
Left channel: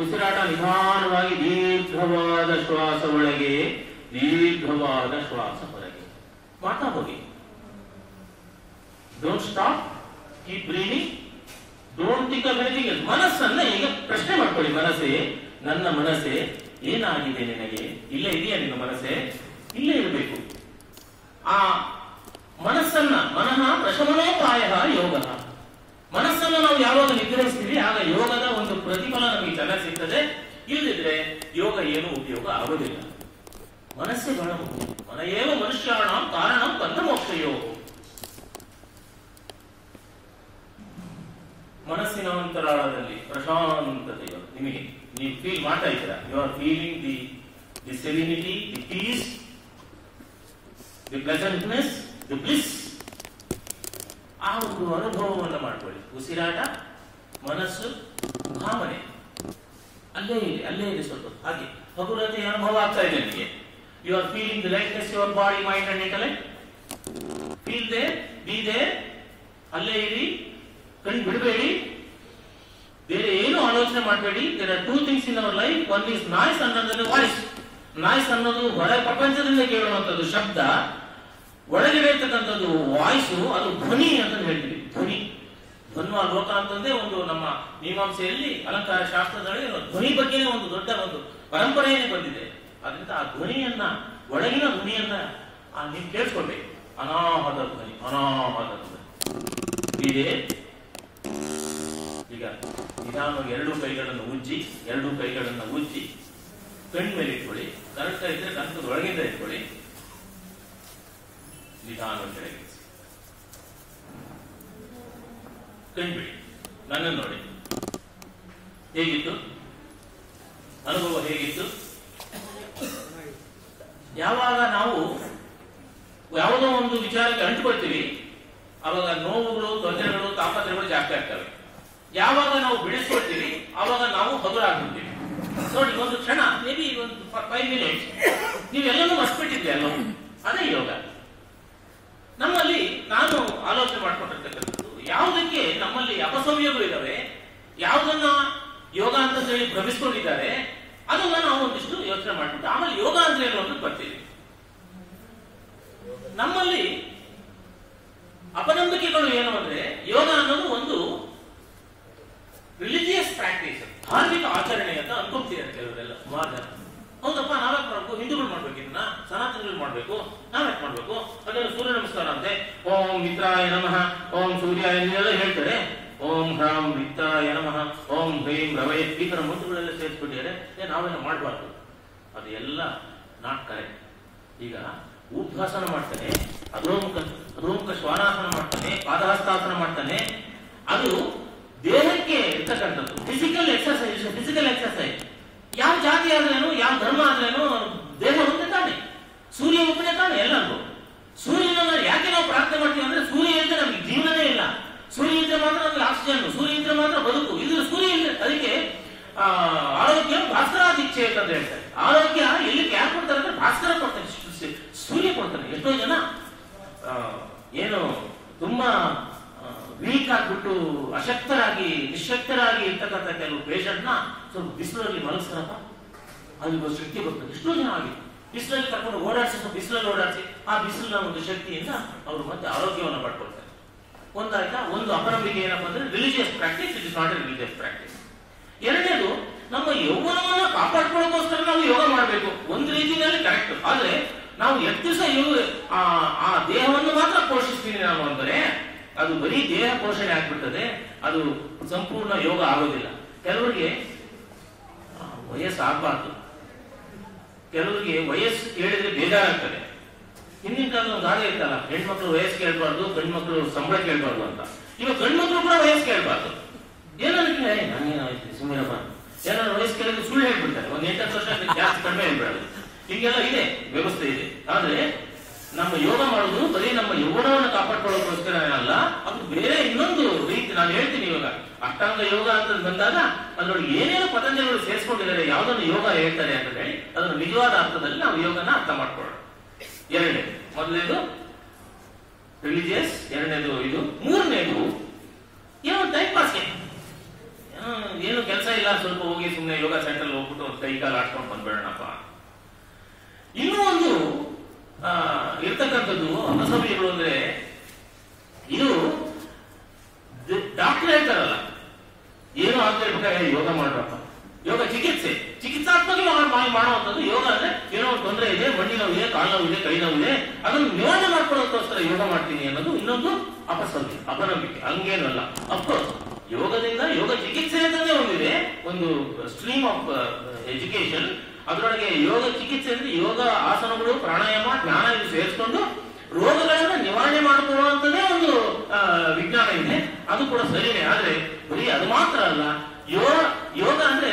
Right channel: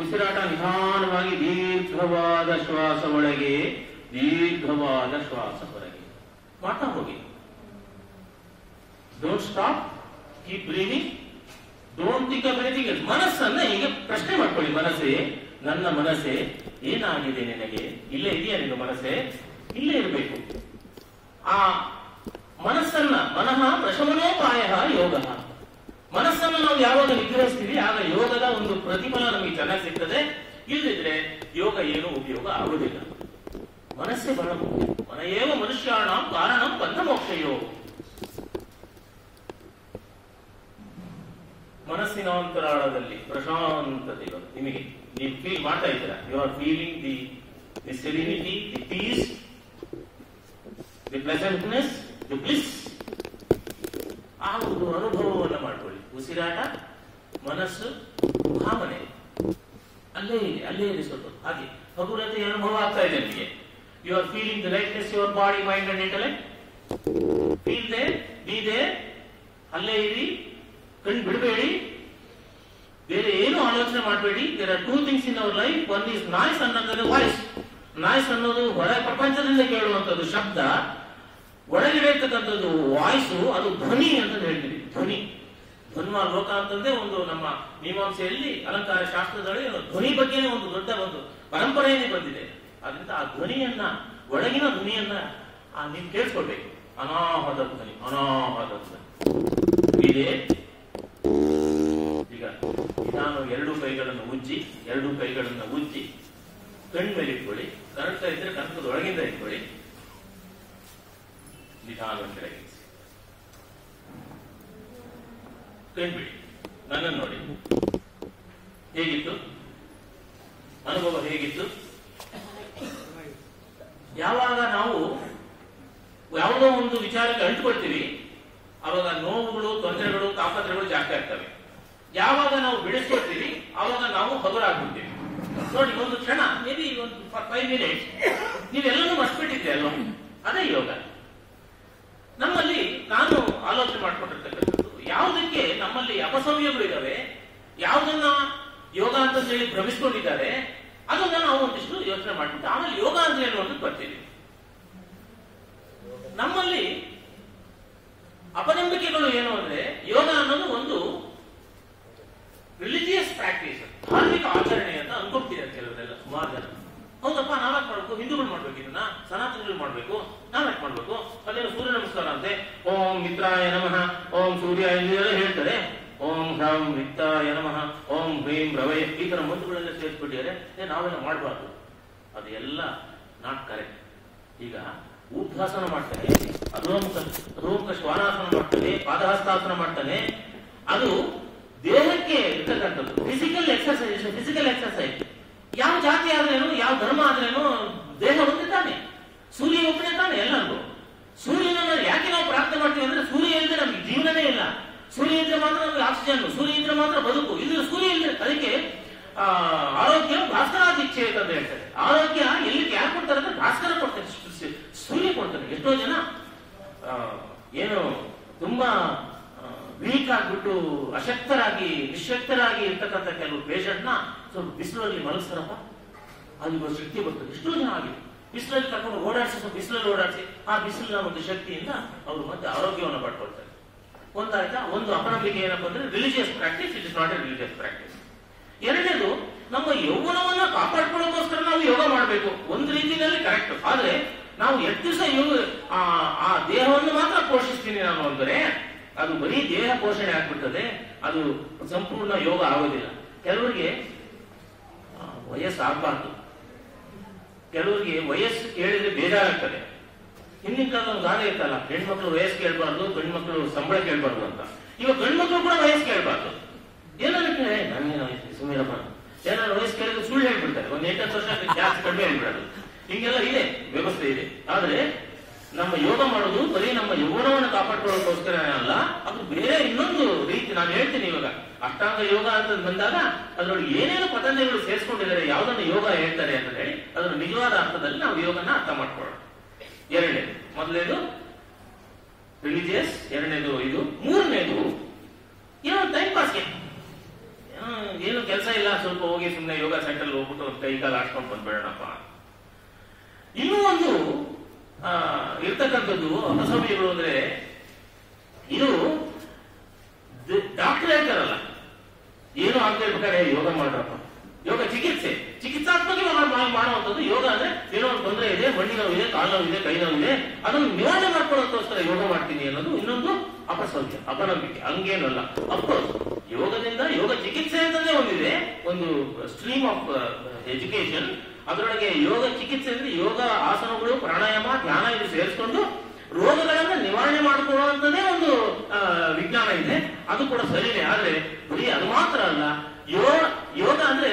ಉಸಿರಾಟ ನಿಧಾನವಾಗಿ, ದೀರ್ಘವಾದ ಶ್ವಾಸ ಒಳಗೆ, ದೀರ್ಘವಾದ ಶ್ವಾಸ ಹೊರಗೆ ಮಾಡ್ತಾ ಹೋಗಿ. Don't stop, keep breathing, don't think of anything else. ಮನಸ್ಸನ್ನ ಈಗ ಪ್ರಶ್ನೆ ಮಾಡ್ಕೊಳ್ಳಿ. ಮನಸ್ಸೇ, ನನ್ನ ಮನಸ್ಸೇ ಏನಾಗಿದೆ ನಿನಗೆ? ಇಲ್ಲೇ ಇದೆಯಾ ನಿನ್ನ ಮನಸ್ಸೇ? ಇಲ್ಲೇ ಇರಬೇಕು. ಆ ಮನಸ್ಸನ್ನ ಮನಃ ಪ್ರಶಮನೋಪಾಯ ಯೋಗ. ಮನಸ್ಸನ್ನು ನಾವು ಯಾವಾಗ ನಿಗ್ರಹಿಸ್ತೀವಿ ಆಗ ಯೋಗದ ಒಂದು ಪ್ರತಿಫಲ ನಮಗೆ ಚೆನ್ನಾಗಿ ಸಿಗ್ತದೆ. ಇಲ್ಲದಿದ್ರೆ ಯೋಗ ಏನು ಉಪಯೋಗ ಆಗುವುದಿಲ್ಲ. ಮನಸ್ಸೇ ಬಹಳ ಮುಖ್ಯ. ಮನಯೇವ ಮನುಷ್ಯಾಣ ಕಾರಣ ಬಂಧ ಮೋಕ್ಷಯೋ. ಮನಸ್ಸಿನ ಅಂತರಾಳದಲ್ಲಿ ಪ್ರಶಾಂತತೆಯು ನಿಮಗೆ, ನೀವು ಫೀಲ್ ಮಾಡ್ತಾ ಇದ್ದೀರಾ. You are feeling the serenity, the peace, the pleasantness, the bliss. ಆ ಒಂದು ಅನುಭವವನ್ನು ಮಾಡ್ಕೊಳ್ಳಿ. ಉಸಿರಾಟ, ಮನಸ್ಸು, ಭಾವನೆ ಅಲ್ಲೇ ಇದೆ, ಅಲ್ಲೇ ಇದೆ. ಸ್ವಲ್ಪ ಹಾಗೆ ಹಗುರತೆಯ ಅನುಭವ ಆಗ್ತಾ ಇದೆ ನಿಮಗೆ. You are feeling the lightness your body, mind and intellect. Feel there, be there, ಅಲ್ಲೇ ಇರಿ. ಕಣ್ಣು ಬಿಡಬೇಡಿ, ಬೇರೆ ಏನು ಆಲೋಚನೆ ಮಾಡಬೇಡಿ. There are two things in our life. One is noise, ಅನ್ನೋದು ವಾಯ್ಸ್. ನಾಯ್ಸ್ ಅನ್ನೋದು ಹೊರ ಪ್ರಪಂಚದಿಂದ ಕೇಳುವಂತದ್ದು ಶಬ್ದ. ಒಳಗಡೆ ಇರ್ತಕ್ಕಂಥದ್ದು ವಾಯ್ಸು, ಅದು ಧ್ವನಿ ಅಂತ ಹೇಳ್ತೀವಿ. ಧ್ವನಿ, ಧ್ವನ್ವ ಲೋಕ ಅಂತಂದ್ರೆ ಒಂದು ನಮ್ಮ ಮೀಮಾಂಸೆಯಲ್ಲಿ ಅಲಂಕಾರ ಶಾಸ್ತ್ರದಲ್ಲಿ ಧ್ವನಿ ಬಗ್ಗೆನೇ ಒಂದು ದೊಡ್ಡ ಒಂದು ಪರಂಪರೆಯೇ ಬಂದಿದೆ. ಅದರಿಂದ ಆ ಧ್ವನಿಯನ್ನ, ಒಳಗಿನ ಧ್ವನಿಯನ್ನ ನೀವು ಕೇಳಿಸ್ಕೊಳ್ಬೇಕು. ಅನಾಹತ ಧ್ವನಿ, ಅನಾಹತ ಧ್ವನಿ ಇದೆ. ಈಗ ನಿಧಾನ ಎರಡು ಕೈಗಳನ್ನು ಉಜ್ಜಿ, ಎರಡು ಕೈಗಳನ್ನು ಉಜ್ಜಿ ಕಣ್ಣು ಮೇಲೆ ಇಟ್ಕೊಳ್ಳಿ. ಕರೆಕ್ಟ್ ಇದ್ರೆ ಕನಕದ ಒಳಗಿಂದ ಇಟ್ಕೊಳ್ಳಿ. ನಿಧಾನ ಕೆಳಗೆ ಕಣ್ಬಿಡಿ. ನನ್ನನ್ನು ನೋಡಿ. ಹೇಗಿತ್ತು ಅನುಭವ? ಹೇಗಿತ್ತು? ಯಾವಾಗ ನಾವು ಯಾವುದೋ ಒಂದು ವಿಚಾರಕ್ಕೆ ಅಂಟುಕೊಳ್ತೀವಿ ಅವಾಗ ನೋವುಗಳು, ತೊಂದರೆಗಳು, ತಾಪತ್ರೆಗಳು ಜಾಸ್ತಿ ಆಗ್ತವೆ. ಯಾವಾಗ ನಾವು ಬಿಡಿಸ್ಕೊಳ್ತೀವಿ ಆವಾಗ ನಾವು ಹಗುರಾಗ್ಬಿಡ್ತೀವಿ. ನೋಡಿ, ಒಂದು ಕ್ಷಣ, ಮೇ ಬಿ ಒಂದು 5 minutes ನೀವೆಲ್ಲನೂ ಮರ್ಸ್ಬಿಟ್ಟಿದ್ರಿ ಅಲ್ವ? ಅದೇ ಯೋಗ. ನಮ್ಮಲ್ಲಿ ನಾನು ಆಲೋಚನೆ ಮಾಡ್ಕೊಂಡಿರ್ತಕ್ಕಂಥದ್ದು, ಯಾವುದಕ್ಕೆ ನಮ್ಮಲ್ಲಿ ಅಪಸವ್ಯಗಳು ಇದ್ದಾವೆ, ಯಾವುದನ್ನ ಯೋಗ ಅಂತ ಹೇಳಿ ಭ್ರಮಿಸ್ಕೊಂಡಿದ್ದಾರೆ, ಅದನ್ನ ನಾವು ಒಂದಿಷ್ಟು ಯೋಚನೆ ಮಾಡ್ಬಿಟ್ಟು ಆಮೇಲೆ ಯೋಗ ಅಂದ್ರೆ ಏನು ಅಂತ ಬರ್ತೀವಿ. ನಮ್ಮಲ್ಲಿ ಅಪನಂಬಿಕೆಗಳು ಏನು ಅಂದ್ರೆ, ಯೋಗ ಅನ್ನೋದು ಒಂದು ರಿಲಿಜಿಯಸ್ ಪ್ರಾಕ್ಟೀಸ್, ಧಾರ್ಮಿಕ ಆಚರಣೆ ಅಂತ ಅನ್ಕೊಂತೀರ ಕೆಲವರೆಲ್ಲ, ಸುಮಾರು ಜನ. ಹೌದಪ್ಪ, ನಾವ್ಯಾಕೆ ಮಾಡ್ಬೇಕು? ಹಿಂದೂಗಳು ಮಾಡ್ಬೇಕು, ಇದನ್ನ ಸನಾತನಗಳು ಮಾಡ್ಬೇಕು, ನಾವ್ಯಾಕೆ ಮಾಡ್ಬೇಕು? ಅದೆಲ್ಲ ಸೂರ್ಯ ನಮಸ್ಕಾರ ಅಂತೆ, ಓಂ ಮಿತ್ರಾಯ ನಮಃ, ಓಂ ಸೂರ್ಯಾಯ ಎಲ್ಲ ಹೇಳ್ತಾರೆ. ಓಂ ಹ್ರಾಂ ಮಿತ್ರಾಯ ನಮಃ, ಓಂ ಹ್ರೀಂ ರವಯ, ಈ ತರ ಮಂತ್ರಗಳೆಲ್ಲ ಸೇರಿಸ್ಬಿಟ್ಟಿದ್ದಾರೆ. ನಾವೆಲ್ಲ ಮಾಡಬಾರ್ದು. ಅದೆಲ್ಲ ನಾಟ್ ಕರೆಕ್ಟ್. ಈಗ ಉದ್ಭಾಸನ ಮಾಡ್ತಾನೆ, ಅಧೋಮುಖ ಶ್ವಾನಾಸನ ಮಾಡ್ತಾನೆ, ಪಾದಹಸ್ತಾಸನ ಮಾಡ್ತಾನೆ. ಅದು ದೇಹಕ್ಕೆ ಇರ್ತಕ್ಕಂಥದ್ದು ಫಿಸಿಕಲ್ ಎಕ್ಸರ್ಸೈಸ್. ಫಿಸಿಕಲ್ ಎಕ್ಸರ್ಸೈಸ್ ಯಾವ ಜಾತಿ ಆದ್ರೇನು, ಯಾವ ಧರ್ಮ ಆದ್ರೇನು, ದೇಹ ಒಂದೇ ತಾನೆ, ಸೂರ್ಯ ಒಬ್ಬನೇ ತಾನೆ ಎಲ್ಲರಿಗೂ. ಸೂರ್ಯನ ಯಾಕೆ ನಾವು ಪ್ರಾರ್ಥನೆ ಮಾಡ್ತೀವಿ ಅಂದ್ರೆ, ಸೂರ್ಯ ಇದ್ರೆ ನಮಗೆ ಜೀವನನೇ ಇಲ್ಲ. ಸೂರ್ಯ ಇದ್ರೆ ಮಾತ್ರ ನಮಗೆ ಆಕ್ಸಿಜನ್, ಸೂರ್ಯ ಇದ್ರೆ ಮಾತ್ರ ಬದುಕು. ಇದು ಸೂರ್ಯ ಇಲ್ಲ. ಅದಕ್ಕೆ ಆರೋಗ್ಯ ಭಾಸ್ಕರಾದಿಚ್ಛೆ ಅಂತ ಹೇಳ್ತಾರೆ. ಆರೋಗ್ಯ ಎಲ್ಲಿ ಯಾರು ಕೊಡ್ತಾರೆ ಅಂದ್ರೆ ಭಾಸ್ಕರ ಕೊಡ್ತಾರೆ, ಸೂರ್ಯ ಕೊಡ್ತಾನೆ. ಎಷ್ಟೋ ಜನ ಏನು ತುಂಬಾ ವೀಕ್ ಆಗ್ಬಿಟ್ಟು ಅಶಕ್ತರಾಗಿ ನಿಶಕ್ತರಾಗಿ ಇರ್ತಕ್ಕಂಥ ಕೆಲವು ಪೇಷಂಟ್ ನ ಸ್ವಲ್ಪ ಬಿಸಿಲಲ್ಲಿ ಮಲಗಿಸ್ತಾರಪ್ಪ, ಅಲ್ಲಿ ಶಕ್ತಿ ಬರ್ತದೆ. ಎಷ್ಟೋ ಜನ ಆಗಿದೆ. ಬಿಸಿಲಲ್ಲಿ ಕರ್ಕೊಂಡು ಓಡಾಡಿಸಿ, ಬಿಸಿಲಲ್ಲಿ ಓಡಾಡಿಸಿ ಆ ಬಿಸಿಲಿನ ಒಂದು ಶಕ್ತಿಯಿಂದ ಅವರು ಮತ್ತೆ ಆರೋಗ್ಯವನ್ನು ಪಡ್ಕೊಳ್ತಾರೆ. ಒಂದಾಯ್ತಾ? ಒಂದು ಅಪನಂಬಿಕೆ ಏನಪ್ಪ ಅಂದ್ರೆ religious practice, it is not A religious practice. ಎರಡನೇದು, ನಮ್ಮ ಯೌವನವನ್ನ ಕಾಪಾಡ್ಕೊಳ್ಳೋಕೋಸ್ಕರ ನಾವು ಯೋಗ ಮಾಡಬೇಕು, ಒಂದು ರೀತಿಯಲ್ಲಿ ಕರೆಕ್ಟ್. ಆದ್ರೆ ನಾವು ಎಷ್ಟು ದಿವಸ ಆ ದೇಹವನ್ನು ಮಾತ್ರ ಪೋಷಿಸ್ತೀನಿ ನಾನು ಅಂದರೆ ಅದು ಬರೀ ದೇಹ ಪೋಷಣೆ ಆಗ್ಬಿಡ್ತದೆ, ಅದು ಸಂಪೂರ್ಣ ಯೋಗ ಆಗೋದಿಲ್ಲ. ಕೆಲವರಿಗೆ ವಯಸ್ಸಾಗಬಾರ್ದು, ಕೆಲವರಿಗೆ ವಯಸ್ಸು ಕೇಳಿದ್ರೆ ಬೇಜಾರಾಗ್ತದೆ. ಹಿಂದಿನ ಕಾಲ ಒಂದು ಗಾದೆ ಇರ್ತಲ್ಲ, ಹೆಣ್ಮಕ್ಳು ವಯಸ್ಸು ಕೇಳಬಾರ್ದು, ಗಂಡ್ಮಕ್ಳು ಸಂಬಳ ಕೇಳಬಾರ್ದು ಅಂತ. ಇವಾಗ ಗಂಡ್ಮಕ್ಳು ಕೂಡ ವಯಸ್ಸು ಕೇಳಬಾರ್ದು. ಏನಕ್ಕೆ ಸುಮ್ಮನೆ ಏನಾದ್ರು ವಯಸ್ಸು ಕೇಳಿದ್ರೆ ಸುಳ್ಳು ಹೇಳ್ಬಿಡ್ತಾರೆ, ಒಂದು 8 ವರ್ಷ ಜಾಸ್ತಿ ಕಡಿಮೆ ಹೇಳ್ಬಿಡೋದು. ಹಿಂಗೆಲ್ಲ ಇದೆ, ವ್ಯವಸ್ಥೆ ಇದೆ. ಆದ್ರೆ ನಮ್ಮ ಯೋಗ ಮಾಡೋದು ಬರೀ ನಮ್ಮ ಯೌವನವನ್ನು ಕಾಪಾಡ್ಕೊಳ್ಳೋಕೋಸ್ಕರ ಅಲ್ಲ, ಅದು ಬೇರೆ ಇನ್ನೊಂದು ರೀತಿ. ನಾನು ಹೇಳ್ತೀನಿ, ಇವಾಗ ಅಷ್ಟಾಂಗ ಯೋಗ ಅಂತ ಬಂದಾಗ ಅದರೊಳಗೆ ಏನೇನು ಪತಂಜಲಿಗಳು ಸೇರಿಸ್ಕೊಂಡಿದ್ದಾರೆ, ಯಾವುದನ್ನು ಯೋಗ ಹೇಳ್ತಾರೆ ಅಂತ ಹೇಳಿ ಅದರ ನಿಜವಾದ ಅರ್ಥದಲ್ಲಿ ನಾವು ಯೋಗನ ಅರ್ಥ ಮಾಡ್ಕೊಳ್ಳೋಣ. ಎರಡನೇದು, ಮೊದಲನೇದು ರಿಲಿಜಿಯಸ್, ಎರಡನೇದು ಇದು, ಮೂರನೇದು ಏನು ಟೈಮ್ ಪಾಸ್ಗೆ, ಏನು ಕೆಲಸ ಇಲ್ಲ, ಸ್ವಲ್ಪ ಹೋಗಿ ಸುಮ್ಮನೆ ಯೋಗ ಸೆಂಟರ್ ಹೋಗ್ಬಿಟ್ಟು ಕೈ ಕಾಲು ಆಡ್ಕೊಂಡು ಬಂದ್ಬೇಡಣಪ್ಪ. ಇನ್ನೂ ಒಂದು ಇರ್ತಕ್ಕಂಥದ್ದು ಅಸಭ್ಯಗಳು ಅಂದ್ರೆ, ಇದು ಡಾಕ್ಟರ್ ಹೇಳ್ತಾರಲ್ಲ, ಏನು ಅಂತ ಹೇಳ್ಬೇಕಾದ್ರೆ ಯೋಗ ಮಾಡ್ಬೇಕು, ಯೋಗ ಚಿಕಿತ್ಸಾತ್ಮಕ ಮಾಡುವಂಥದ್ದು ಯೋಗ ಅಂದ್ರೆ ಏನೋ ಒಂದು ತೊಂದರೆ ಇದೆ, ಮಂಡಿ ನೋವಿದೆ, ಕಾಲು ನೋವಿದೆ, ಕೈ ನೋವಿದೆ, ಅದನ್ನು ನಿವಾರಣೆ ಮಾಡ್ಕೊಳ್ಳೋದಕ್ಕೋಸ್ಕರ ಯೋಗ ಮಾಡ್ತೀನಿ ಅನ್ನೋದು ಇನ್ನೊಂದು ಅಪಸವ್ಯ, ಅಪನಂಬಿಕೆ. ಹಂಗೇನಲ್ಲ. ಅಫ್ಕೋರ್ಸ್ ಯೋಗದಿಂದ ಯೋಗ ಚಿಕಿತ್ಸೆ ಅಂತಂದೇ ಒಂದಿದೆ, ಒಂದು ಸ್ಟ್ರೀಮ್ ಆಫ್ ಎಜುಕೇಶನ್. ಅದರೊಳಗೆ ಯೋಗ ಚಿಕಿತ್ಸೆ ಅಂದ್ರೆ ಯೋಗ ಆಸನಗಳು, ಪ್ರಾಣಾಯಾಮ, ಧ್ಯಾನ ಇದು ಸೇರಿಸ್ಕೊಂಡು ರೋಗಗಳನ್ನ ನಿವಾರಣೆ ಮಾಡಿಕೊಳ್ಳುವಂತದೇ ಒಂದು ವಿಜ್ಞಾನ ಇದೆ. ಅದು ಕೂಡ ಸರಿನೇ. ಆದ್ರೆ ಬರೀ ಅದು ಮಾತ್ರ ಅಲ್ಲ, ಯೋಗ ಅಂದ್ರೆ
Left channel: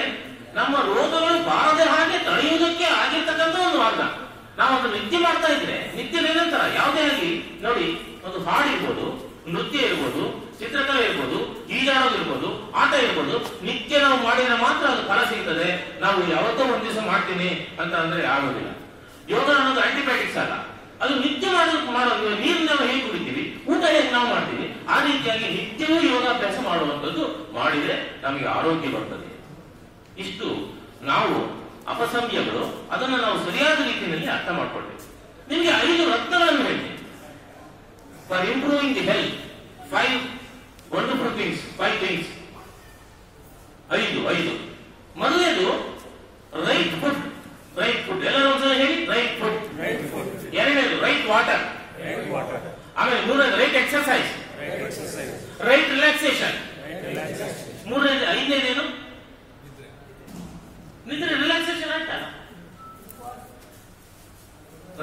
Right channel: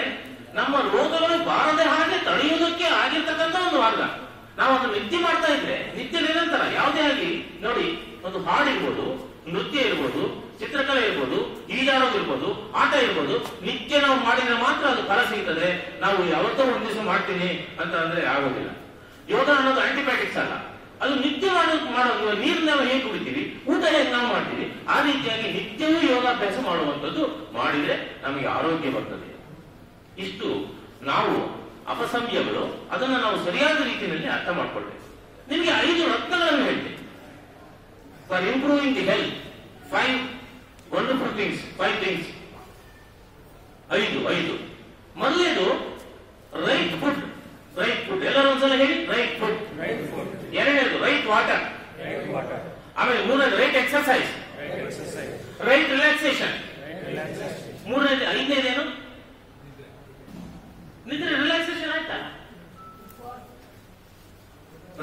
ನಮ್ಮ ರೋಗಗಳು ಬಾರದೆ ಹಾಗೆ ತಡೆಯುವುದಕ್ಕೆ ಆಗಿರ್ತಕ್ಕಂಥ ಒಂದು ಮಾರ್ಗ. ನಾವು ಅದನ್ನು ನಿತ್ಯ ಮಾಡ್ತಾ ಇದ್ರೆ, ನಿತ್ಯ ನಿರಂತರ ಯಾವುದೇ ಆಗಲಿ ನೋಡಿ, ಒಂದು ಹಾಡು ಇರ್ಬೋದು, ನೃತ್ಯ ಇರ್ಬೋದು, ಚಿತ್ರಕಲೆ ಇರ್ಬೋದು, ಈಜಾಡೋದು ಇರ್ಬೋದು, ಆಟ ಇರ್ಬೋದು, ನಿತ್ಯ ನಾವು ಮಾಡಿದ್ರೆ ಮಾತ್ರ ಅದು ಫಲ ಸಿಗ್ತದೆ. ನಾವು ಯಾವತ್ತೋ ಒಂದ್ ದಿವಸ ಮಾಡ್ತೀನಿ ಅಂತ ಅಂದ್ರೆ ಆಗೋದಿಲ್ಲ. ಯೋಗ ಅನ್ನೋದು ಆಂಟಿಬಯೋಟಿಕ್ಸ್ ಅಲ್ಲ, ಅದು ನಿತ್ಯ ಮಾಡೋದು. ನೀರು ನಾವು ಹೇಗೆ ಕುಡಿತೀವಿ, ಊಟ ಹೇಗೆ ನಾವು ಮಾಡ್ತೀವಿ, ಆ ರೀತಿಯಾಗಿ ನಿತ್ಯವೂ ಯೋಗಾಭ್ಯಾಸ ಮಾಡುವಂಥದ್ದು ಮಾಡಿದ್ರೆ ನಮಗೆ ಆರೋಗ್ಯ ಬರ್ತದೆ. ಇಷ್ಟು ನಾವು ಅಪಸಂಖ್ಯಗಳು, ಅದನ್ನು ನಾವು ಸರಿಯಾದ ರೀತಿಯಲ್ಲಿ ಅರ್ಥ ಮಾಡ್ಕೊಳ್ಬೇಕು. ನಿಮಗೆ 5 ರತ್ನಗಳನ್ನು ಹೇಳ್ತೀನಿ for improving the health. 5 wonderful things, 5 things. 5. ಮೊದಲನೇದು ರೈಟ್ ಫುಡ್. ರೈಟ್ ಫುಡ್ ಎಲ್ಲರೂ ಒಂದ್ಸಲ ಹೇಳಿ, ರೈಟ್ ಫುಡ್. ಎರಡನೇದು ರೈಟ್ ವಾಟರ್. ಆಮೇಲೆ ಮೂರನೇದು ರೈಟ್ ಎಕ್ಸರ್ಸೈಸ್. Right relaxation. ಮೂರನೇದು. ಐದನೇದೇನು? ನಿದ್ರೆ, ರಿಲ್ಯಾಕ್ಸೇಷನ್ ಆಯ್ತಲ್ಲ.